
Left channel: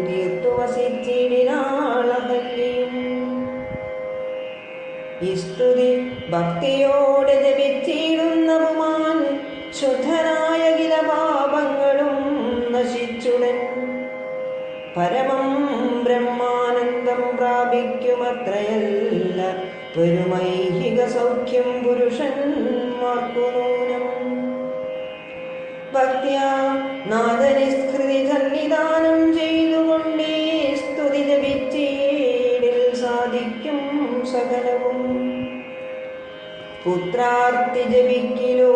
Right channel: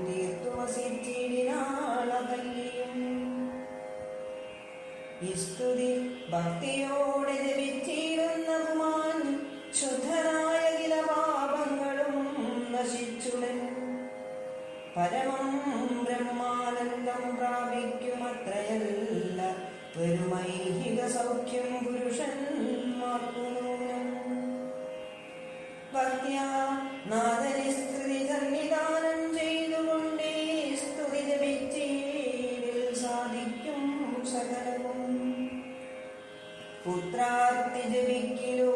തീർത്തു വസിച്ചിടിനാളഹല്യയും ഈ സ്തുതി ഭക്തിയോടെ ജപിച്ചിടുന്ന പുമാൻ ശുദ്ധനായ കില പാപങ്ങളും നശിച്ചുടൻ പരമം ബ്രഹ്മാനന്ദം പ്രാപിക്കുമത്രയല്ല പെരുമൈഹിക സൗഖ്യം പുരുഷന്മാർക്കു നൂനം ഭക്ത്യാ നാദനിസ്കൃതി സന്നിധാനം ചെയ്തുകൊണ്ടേ സ്തുതി ജപിച്ചീടിൽ സാധിക്കും സകലവും പുത്രാർത്തി ജപിക്കിലോ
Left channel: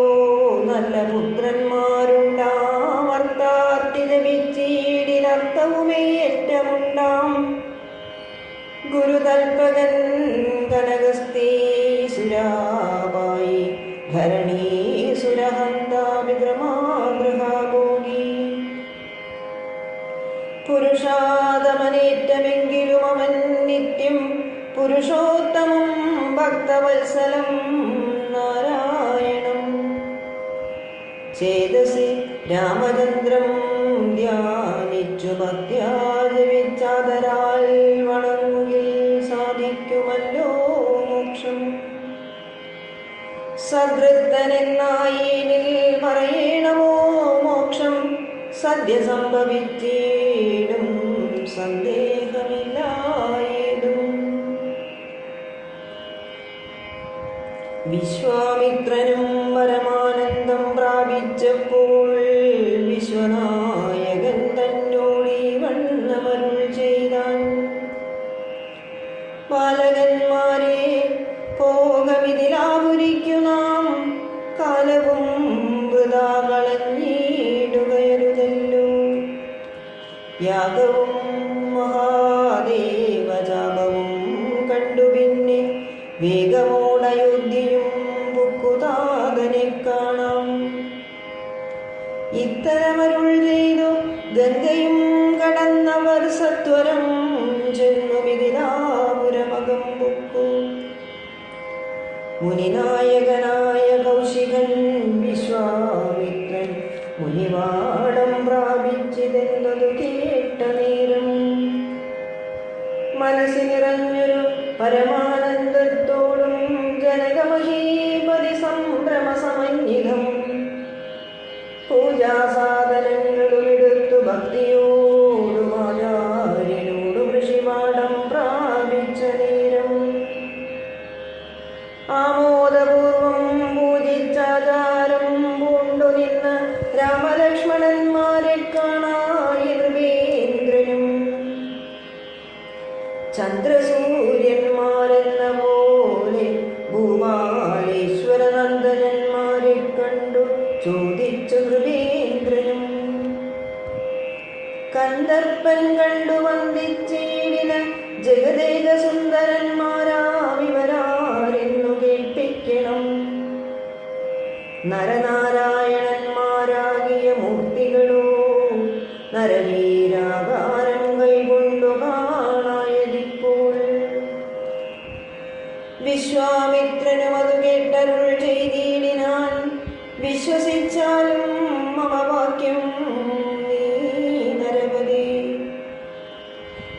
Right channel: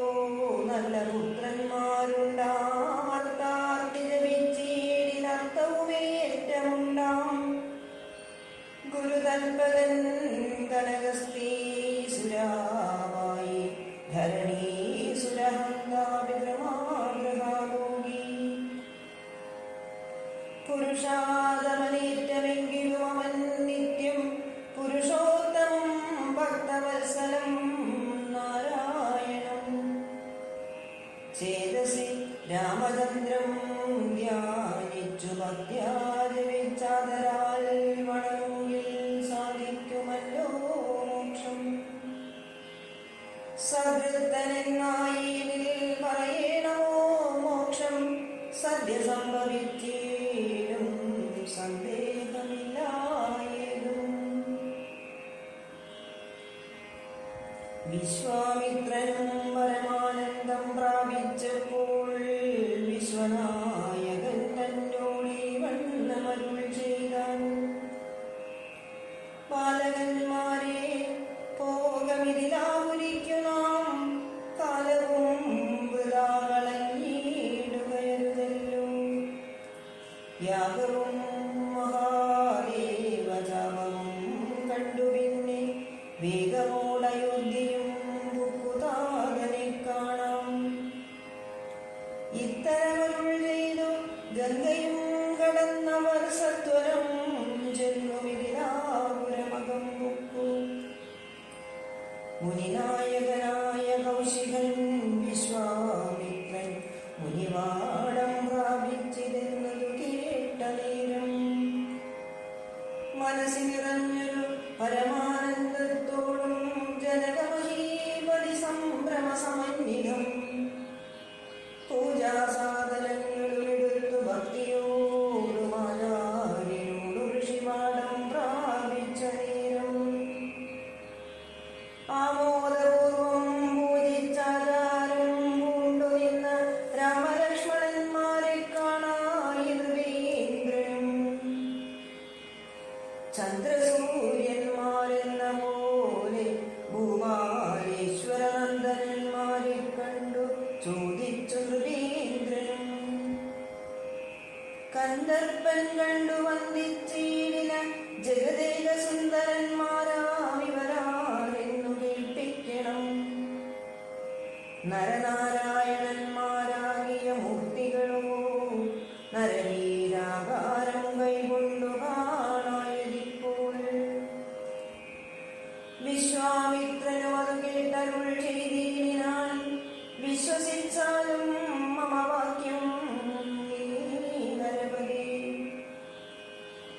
നല്ല പുത്രന്മാരുണ്ടാം അർത്ഥാർത്തി ജപിച്ചീടിനർത്ഥവുമേ ഏറ്റമുണ്ടാം ഗുരുതൽപകൻ കനകസ്ഥീസുരാപായി ധരണീസുരഹന്താ വിക്രമാഗൃഹാഭോഗി പുരുഷാദമനേറ്റമെങ്കിലും അവൻ നിത്യം പുരുഷോത്തമം ഭക്തവത്സലം രാമചന്ദ്രം ധ്യാനിച്ചു ഭക്ത്യാചരിച്ചാദരാൽ വണങ്ങുകിൽ സാധിക്കുമല്ലോ മോക്ഷം. സദൃത്തനെന്നായേനിൽ പറയണമോ മോക്ഷം, സദ്യ സംഭവിച്ചേടും സന്ദേഹമില്ലായേതും. വിശ്വാമിത്രനും പരമാനന്ദം പ്രാപിച്ചപ്പോൾ വിശ്വനായകൻ തന്നോടീ വണ്ണമരുൾ ചെയ്താൻ. ബാലകന്മാരെ പോകമിതിലാപുരിക്കു നാം, കാലവും വൃഥാ കളഞ്ഞിടുകയരുതല്ലോ. യാഗവും മഹാദേവജാപവും കണ്ടു പിന്നെ വേഗമോടയോധ്യയും പുക്കുതാതനെ കാണാം. ഇത്തരമരുൾ ചെയ്തു ഗംഗയും കടന്നവർ സത്വരം ചെന്നു മിഥിലാപുരമകം പുക്കു. മുനിനായകനായ കൗശികൻ വിശ്വാമിത്രൻ മുനിവാടം പ്രാപിച്ചിതെന്നതു കേട്ട നേരം മനസ്സിൽ നിറഞ്ഞൊരു പരമാനന്ദത്തോടും ജനകമഹീപതി സംഭ്രമസമന്വിതം പൂജാസാധനങ്ങളും എടുത്തു ഭക്തിയോടും ആചാര്യനോടും ഋഷിവാടം പ്രാപിച്ച നേരം ആമോദപൂർവം പൂജിച്ചാചാരം പൂണ്ടു നിന്ന് രാമലക്ഷ്മണന്മാരെ കാണായി നൃപേന്ദ്രനും. ചന്ദ്രസൂര്യന്മാരെന്ന പോലെ ഭൂമാലേശ്വരനന്ദനന്മാരെ കണ്ടു ചോദിച്ചു നൃപേന്ദ്രനും. കന്ദർപ്പൻ കണ്ടു വന്ദിച്ചേടിന ജഗദേക സുന്ദരന്മാരാമിവരാരെന്നു കേൾപ്പിക്കണം. നരനാരായണന്മാരാകിയ മൂർത്തികളോ നരവീരാകാരം കൈകൊണ്ടു കാണായതിപ്പോൾ. വിശ്വാമിത്രനും അതു കേട്ടരുൾ ചെയ്തിടിനാൻ, വിശ്വസിച്ചാലും മമ വാക്യം നീ നരപതി.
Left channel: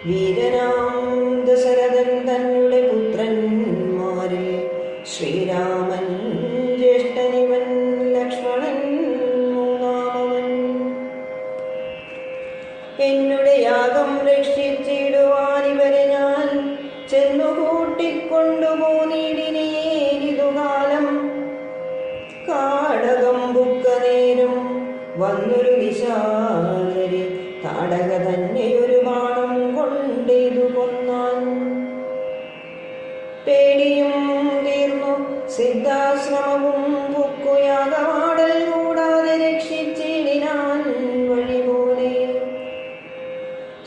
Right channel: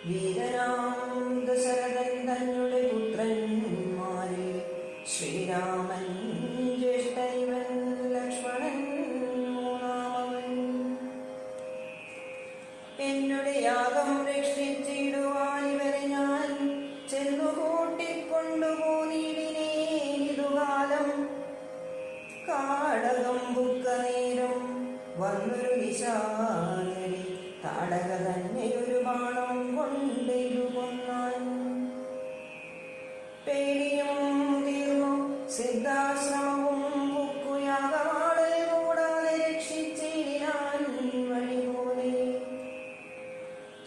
വീരനാം ദശരഥൻ തന്നുടെ പുത്രന്മാരിൽ ശ്രീരാമൻ ജ്യേഷ്ഠനിവൻ, ലക്ഷ്മണൻ മൂന്നാമവൻ. എന്നുടെ യാഗം രക്ഷിച്ചിടുവാനിവരെ ഞാൻ ചെന്നു കൂട്ടിക്കൊണ്ടുപോന്നിടിനേരിതുകാലം. കാടകം ബുക്ക നേരം വന്നൊരു വിശാചരി താടക തന്നെയൊരു ബാണം കൊണ്ടേതു കൊന്നാൻ. പേടിയും തീർന്നു സിദ്ധാശ്രമവും ബുക്കുയാഗമാടൽ കൂടാതെ രക്ഷിച്ചിടിനാൻ വഴിപോലെ.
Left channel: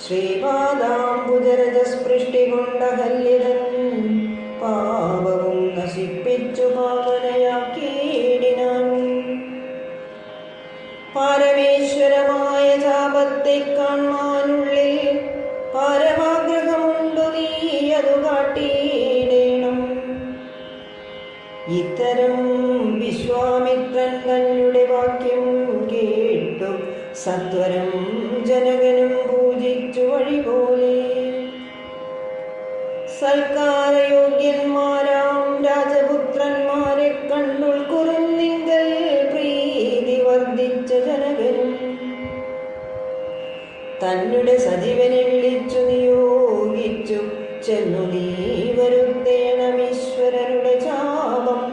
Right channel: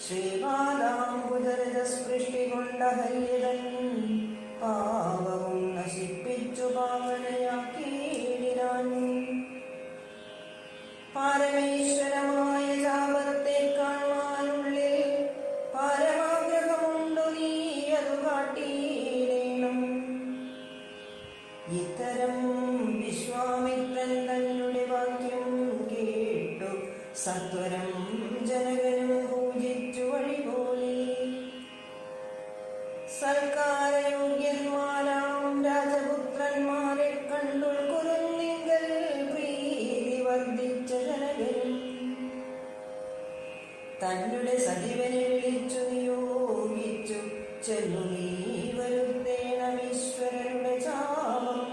ശ്രീപാദാംബുജരജസ്പൃഷ്ടി കൊണ്ട ഹല്യതൻ പാപവും നശിപ്പിച്ചു പാവനയാക്കിയിടിനാൻ. പാരമേശ്വരമായ ശാപത്തെ കാണാനുള്ളിൽ പാരമാഗ്രഹമുണ്ടു, നീ അതു കാട്ടിയിടേണം. ഇത്തരം വിശ്വാമിത്രൻ തന്നുടെ വാക്യം കേട്ടു സത്വരം ജനകനും പൂജിച്ചു വഴിപോലെ. സൽക്കാരയോഗ്യന്മാരാം രാജപുത്രന്മാരെ കണ്ടുൾക്കുറുന്നിങ്കൽ പ്രീതി വർദ്ധിച്ച ജനകനും തന്നുടെ സജീവനെ വിളിച്ചു നിയോഗിച്ചു ചെന്നു നീ വരുത്തേണമീശ്വരനുടെ ശാപം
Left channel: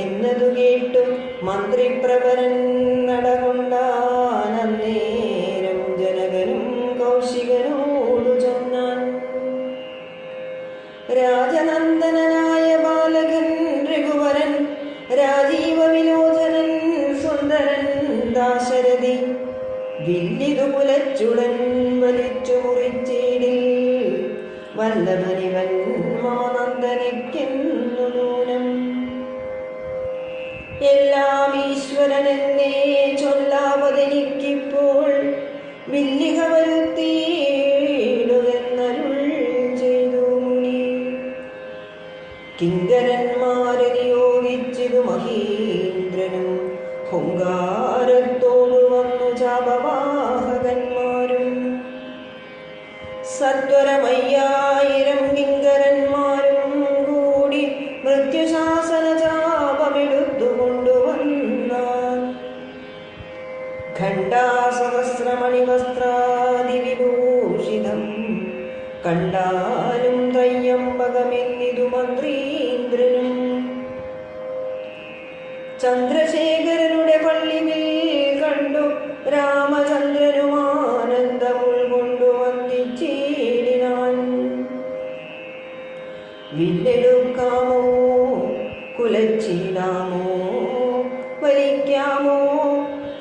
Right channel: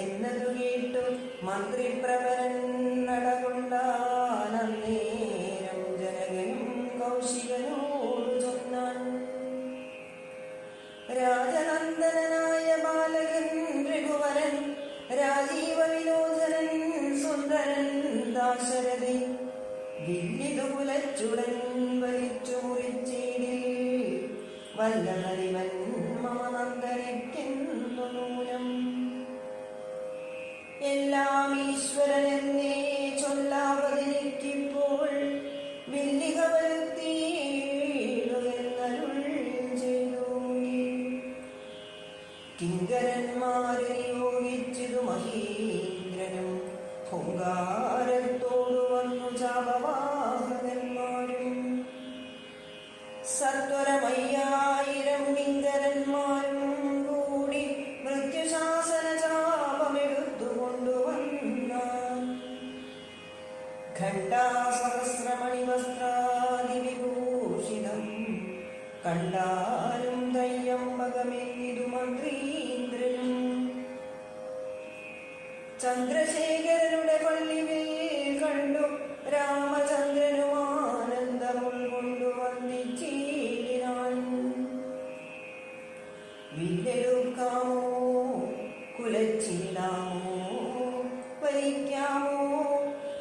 എന്നതു കേട്ടു മന്ത്രിപ്രവരൻ നടകൊണ്ടാനേരം ജനകനും കൗശികനോടു ചൊന്നാൻ. രാജനന്ദനായ ബാലകൻ രഘുവരൻ, രാജീവ വിലോചനൻ സുന്ദരൻ ദാശരഥി, വില്ലിതു കുലച്ചുടൻ വലിച്ചു മുറിച്ചേടിൽ വല്ലഭനിവൻ മമനന്ദനയ്ക്കെന്നു നൂനം. എല്ലാം ഈശ്വരനെന്നേ ചൊല്ലാവതെനിക്കിപ്പോൾ വില്ലിക വരുത്തിയിടുവെന്നരുൾ ചെയ്തു മുനി. കിങ്കരന്മാരെ നിയോഗിച്ചതു മഹീന്ദ്രനും ഹുങ്കാരത്തോടു വന്നു ചാപവാഹകന്മാരും സത്വരമയ്യായിരം കിങ്കരന്മാരും കൂടി മൃത്യുശാസന ചാപമെടുത്തു കൊണ്ടുവന്നാൽ ഖണ്ഡാസഹസ്രമണിവസ്ത്രാദിവിഭൂഷിതം കണ്ടാലും ത്രയ്യംബകമെന്നിതു മന്ത്രീന്ദ്രനും ചന്ദ്രശേഖരനുടെ പള്ളിമേൽ കണ്ടു രാമചന്ദ്രനും ആനന്ദമുൾകൊണ്ടു വന്ദിച്ചിടിനാൻ. വില്ലെടുക്കാമോ കുലച്ചിടാമോ വലിക്കാമോ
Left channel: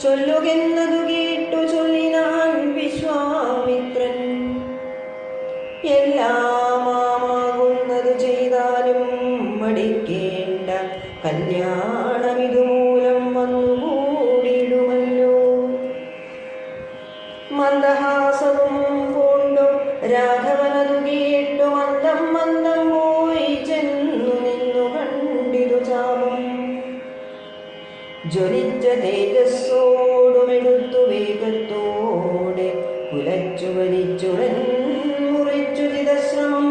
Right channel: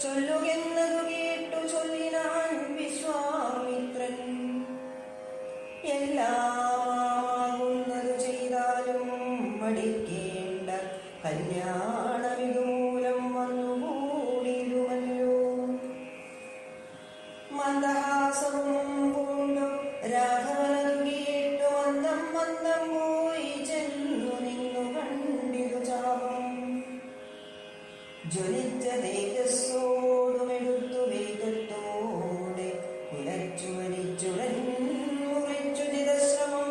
ചൊല്ലുകെന്നതു കേട്ടു ചൊല്ലിനാൻ വിശ്വാമിത്രൻ. എല്ലാമാകുന്നതു ചെയ്താലും മടിക്കേണ്ട കല്യാണമിതുമൂലം വന്നുകൂടിയിടുമല്ലോ. മന്ദഹാസവും പൂണ്ടു രാഘവനതു കേട്ടു മന്ദം മന്ദം പോയി ചെന്നു നിന്നു കണ്ടിതു ചാപം. ജ്വലിച്ച തേജസ്സോടുമെടുത്തു വേഗത്തോടെ കുലച്ചു വലിച്ചുടൻ മുറിച്ചു ചിതശ്രമം.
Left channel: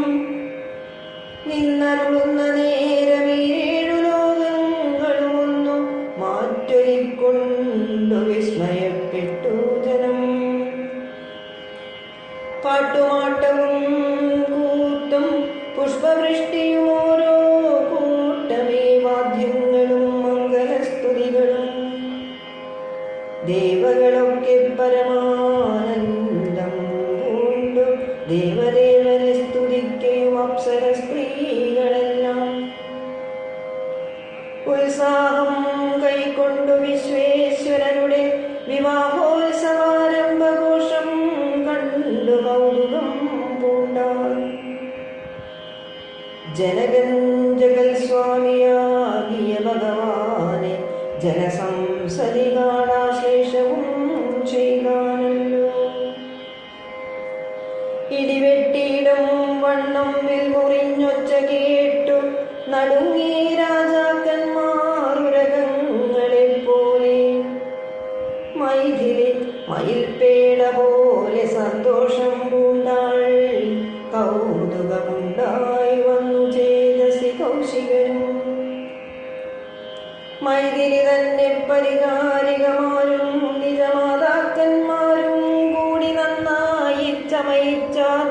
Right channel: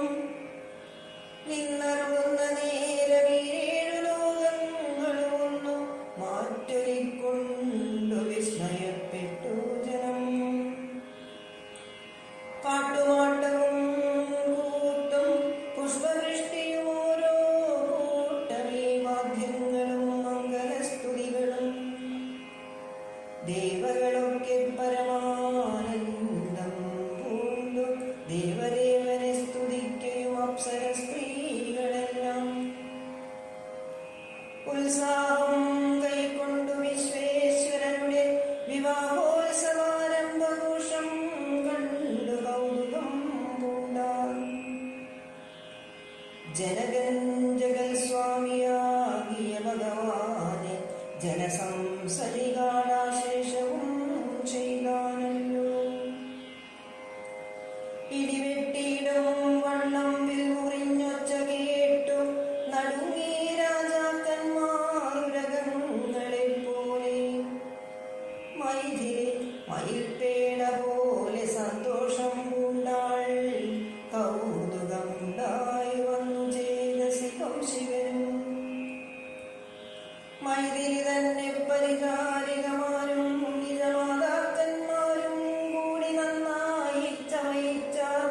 നിന്നരുളുന്ന നേരമേഴു ലോകങ്ങളുമൊന്നു മാറ്റൊലിക്കൊണ്ടു വിസ്മയപ്പെട്ടു ജനം. പാട്ടുമാട്ടവും കൂത്തും പുഷ്പവൃഷ്ടിയും ഓരോ കൂട്ടമേ വാദ്യങ്ങളും മംഗലസ്തുതികളും. ദേവകളൊക്കെ പരമാനന്ദം പൂണ്ടു ദേവദേവനെ സ്തുതിക്കയും അപ്സര സ്ത്രീകളെല്ലാം. ഉത്സാഹം കൈക്കൊണ്ടു വിശ്വേശ്വരനുടെ വിവാഹോത്സവാരംഭഘോഷം കണ്ടു കൗതുകം പൂണ്ടാൻ. ജനകൻ ജഗൽ സ്വാമിയാകിയ ഭഗവാനെ ജനസംസദി കാണാശേഷവും ചെയ്താനല്ലോ. ഇടിവെട്ടിയിടും വണ്ണം വിൽമുറിഞ്ഞൊച്ച കേട്ടു നടുങ്ങി രാജാക്കന്മാരുരകങ്ങളെപ്പോലെ. മൈഥിലി മയിൽപേട പോലെ സന്തോഷം പൂണ്ടാൾ. കൗതുകമുണ്ടായി വന്നു ചേതസി കൗശികനും. മൈഥിലി തന്നെ പരിഹാരികമാരും നിജമാതാക്കന്മാരും കൂടി നന്നായി ചമയിച്ചാൽ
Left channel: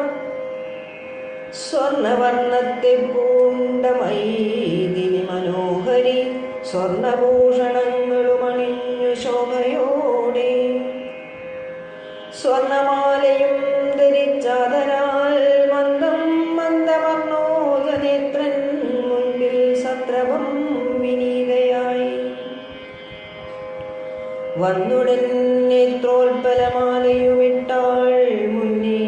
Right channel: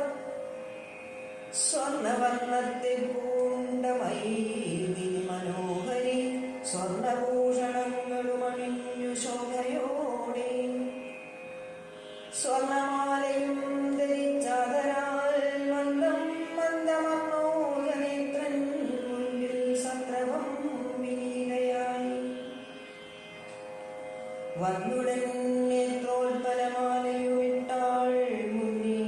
സ്വർണവർണ്ണത്തെ പൂണ്ട മൈഥിലി മനോഹരി സ്വർണഭൂഷണങ്ങളും അണിഞ്ഞു ശോഭയോടെ. സ്വർണമാലയും ധരിച്ചാതരാൽ മന്ദം മന്ദമർണോജനേത്രൻ മുൻപിൽ സത്രപം വിനീതയായി. വന്നുടൻ നേത്രോൽപലമാലയുമിട്ടാൾ മുന്നേ.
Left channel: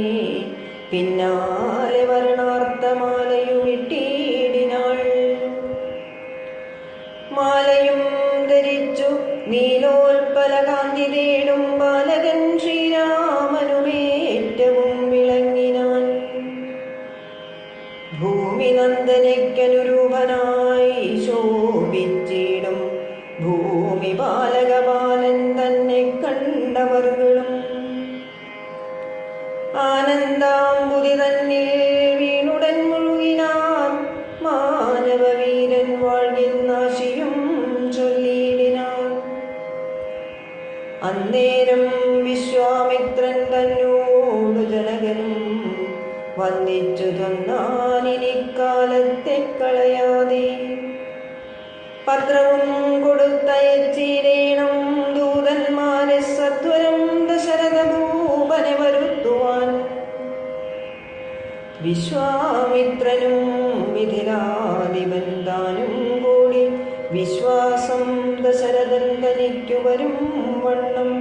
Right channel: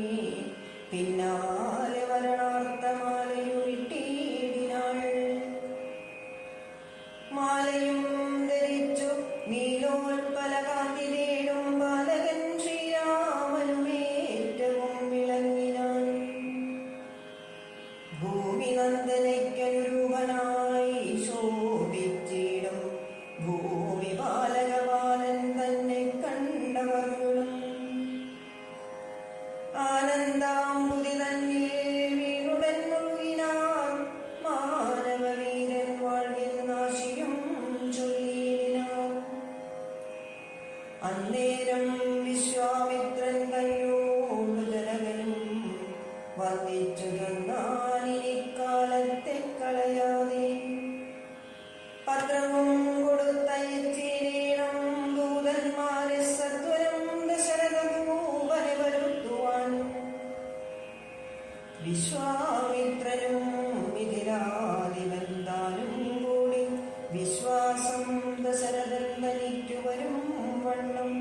പിന്നാലെ വരണാർത്ഥമാലയുമിട്ടിടിനാൾ. മാലയും ധരിച്ചു നീലോൽപല കാന്തി തേടും ബാലകൻ ശ്രീരാമനുമേറ്റവും വിളങ്ങിനാൻ. ഭൂമിനന്ദനയ്ക്കനുരൂപനായി ശോഭിച്ചിടും ഭൂമി ബാലകബാലൻ തന്നെ കണ്ടവർകളും. ആനന്ദാംബുതി തന്നിൽ വീണുടൻ മുഴുകിനാൻ. മാനവവീരൻ വാഴ്കിന്നാശിയും ചൊല്ലിയിടിനാൻ. അന്നേരം വിശ്വാമിത്രൻ തന്നോടു ജനകനും വന്ദിച്ചു തന്നാനിക്കാലത്തെ കളയാതെ. പത്രവും കൊടുത്തയച്ചിടേണം ദൂതന്മാരെ സത്വരം ദശരഥ ഭൂപനെ വരുത്തുവാൻ. വിശ്വാമിത്രനും മിഥിലാധിപൻ താനും കൂടി വിശ്വാസം ദശരഥൻ തനിക്കു വരും വണ്ണം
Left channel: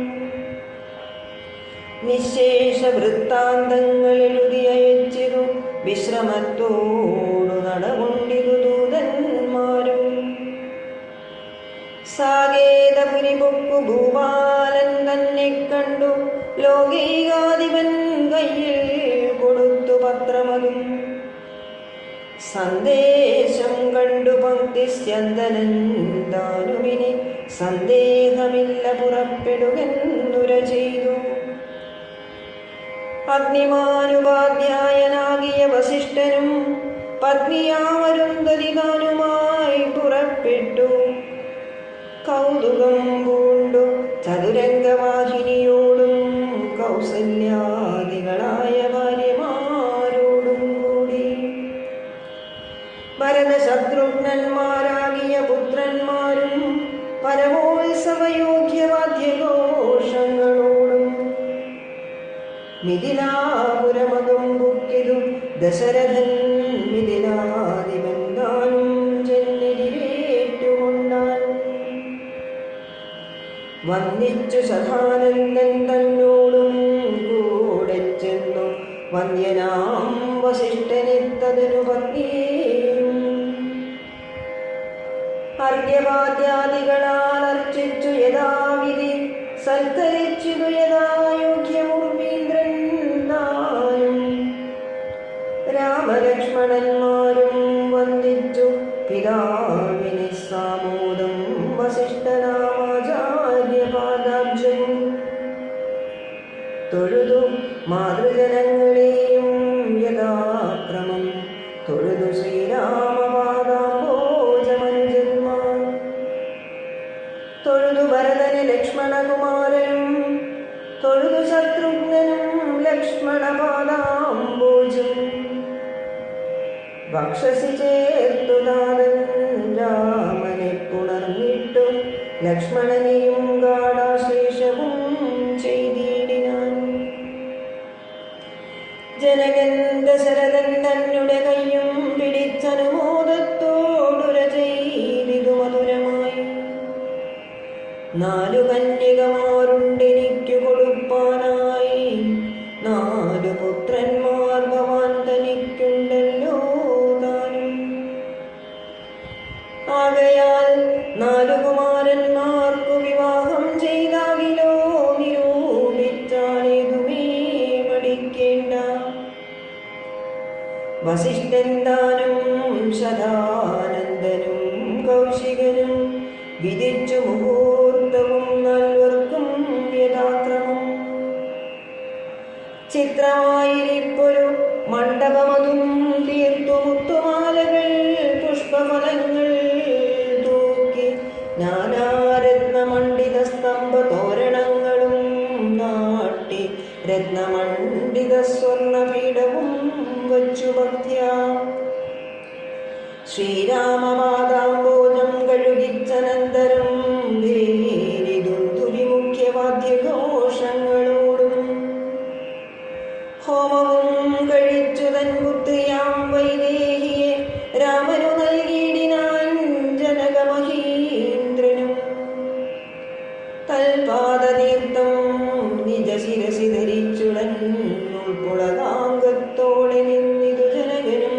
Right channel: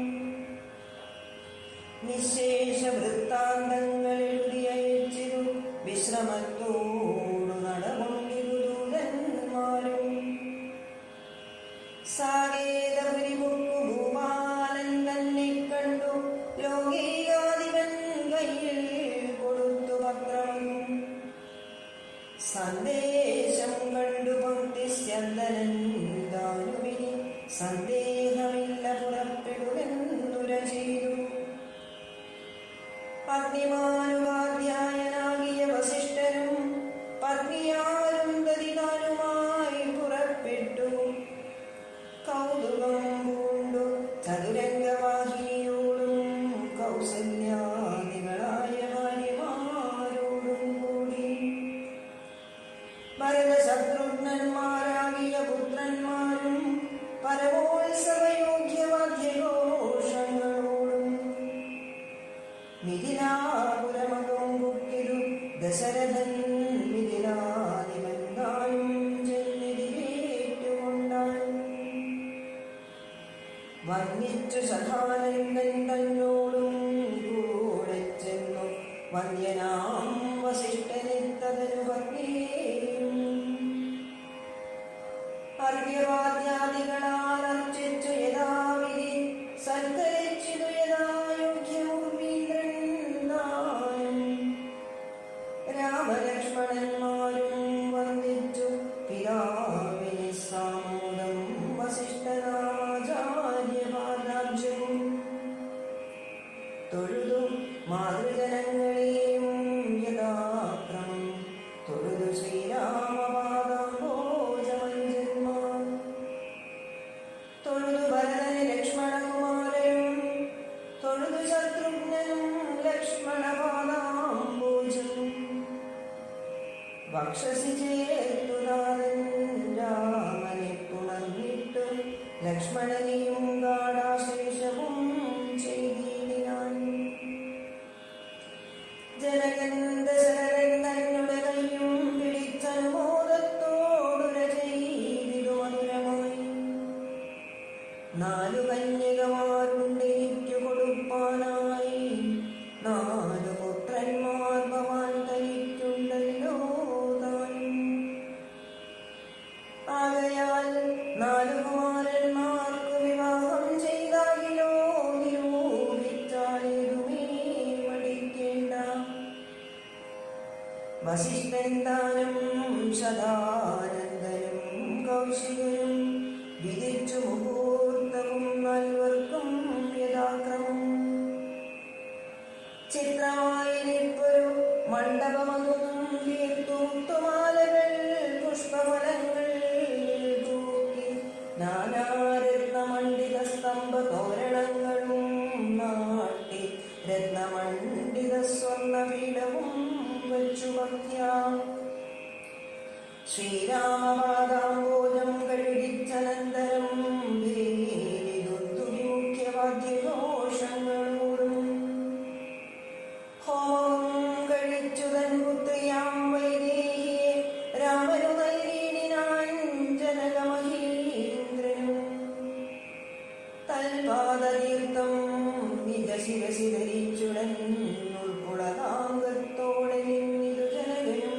നിശേഷ വൃത്താന്തങ്ങൾ എഴുതി അയച്ചിരു. വിശ്രമത്തോടു നടകൊണ്ടിരു ദൂതന്മാരും. സാകേതപുരി പൊക്കു ഭൂപാലൻ തന്നെ കണ്ടു. ലോകൈകാധിപൻ കയ്യിൽ കൊടുത്തു പത്രമതും. സന്ദേശം കണ്ടു പങ്ക്തിസ്യന്തനൻ താനുമിനി സന്ദേഹമില്ല പുറപ്പെടുകെന്നുര ചെയ്തു. അഗ്നിമാനുപാധ്യായനാകിയ വസിഷ്ഠനും പത്നിയാമരുന്ധതികാനുമായി പുറപ്പെട്ടു. കൗതുകം പൂണ്ടു ചതുരംഗവാഹിനിയോടും കൗസല്യാദികളായ ഭാര്യമാരോടും കൂടി ഭരതശത്രുഘ്നന്മാരാകിയ പുത്രന്മാരും പരമോത്സവയോഗ്യവാദ്യഘോഷങ്ങളോടും മിഥിലാപുരമകം പുക്കിതു ദശരഥൻ മിഥിലാദിബന്ധാനും ജന്മരിവേറ്റുകൊണ്ടാനും വന്ദിച്ചു സദാനന്ദൻ തന്നോടും കൂടെ ചെന്നു വന്ദ്യനാം വസിഷ്ഠനിത്തതനു പത്നിയേയും അർഘ്യപാദ്യാദികളാൽ അർച്ചിച്ചു യഥാവിധി സൽക്കരിച്ചിതു യഥായോഗ്യമുർവീന്ദ്രൻ നായും രാമലക്ഷ്മണന്മാരും വന്ദിച്ചു പിതാവിനെ സാമോദം വസിഷ്ഠനാമാചാര്യപാദാബ്ജവും തൊഴുതു മാതൃജനങ്ങളെയും യഥാക്രമം തൊഴുതു ശ്രീരാമപാദാംബോജമനുജന്മാർ തൊഴുതു ഭരതന് ലക്ഷ്മണകുമാരനും തൊഴുതു ശത്രുഘ്നനും ലക്ഷ്മണപാദാംബോജം വക്ഷസി ചേർത്തു നാഥൻ രാമനെ പുണർന്നിട്ടു ലക്ഷ്മണനെയും ഗാഢാശ്ലേഷവും ചെയ്തിടിനാൻ. ജനകൻ ദശരഥൻ തന്നുടെ കയ്യും പിടിച്ചനുമോദത്തോടുര ചെയ്തിതു മധുരമായി. 4 കന്യകമാരുണ്ടെനിക്കു കൊടുപ്പാനായി, 4 പുത്രന്മാർ ഭവാൻ തനിക്കുണ്ടല്ലോ താനും. ആകയാൽ 4 കുമാരന്മാർക്കു വിവാഹം ചെയ്താകിലോ നിരൂപിച്ചാലേതുമേ പഠിക്കേണ്ട. വസിഷ്ഠൻ താനും ശതാനന്ദനും കൗശികനും വിധിച്ചു മുഹൂർത്തവും 4 യഥാക്രമം. ചിത്രമായിരിപ്പൊരു മണ്ഡപമതും തീർത്തു മുത്തുമാലകൾ പുഷ്പഫലങ്ങൾ തൂക്കി നാനാരത്നമണ്ഡിത സ്തംഭ തോരണങ്ങളും നാട്ടി രത്നമണ്ഡിത സ്വർണപീഠവും വച്ചു ഭക്ത്യാ ശ്രീരാമപാദാംബോജം കഴുകിച്ചനന്തരം മുഖ്യവാദ്യഘോഷങ്ങളോടും ഹോമവും കഴിച്ചു തൻ പുത്രിയാം വൈദേഹിയെ രാമനു നൽകിയിടിനാൻ ജനകമഹീന്ദ്രനും. തൽപാദതീർത്ഥം നിജശിരസി ധരിച്ചുടൻ ഉൾപ്പുളകാംഗത്തോടെ നിന്നിതു ജനകനും.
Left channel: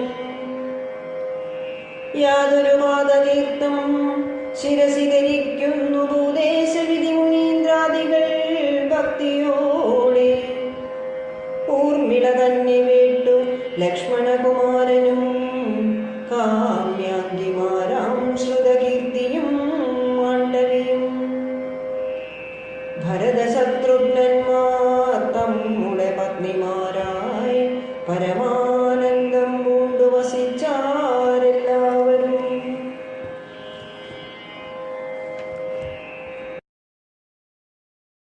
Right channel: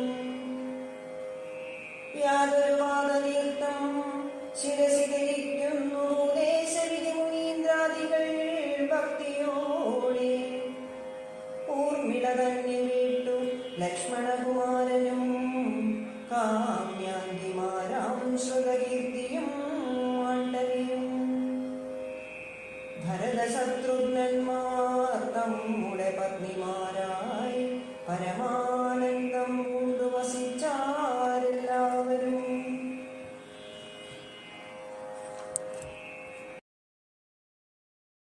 യാതൊരു പാദതീർത്ഥം ശിരസി ധരിക്കുന്നു ഭൂദേശവിധി മുനീന്ദ്രാദികൾ ഭക്തിയോടെ. ഊർമിള തന്നെ വീട്ടു ലക്ഷ്മണ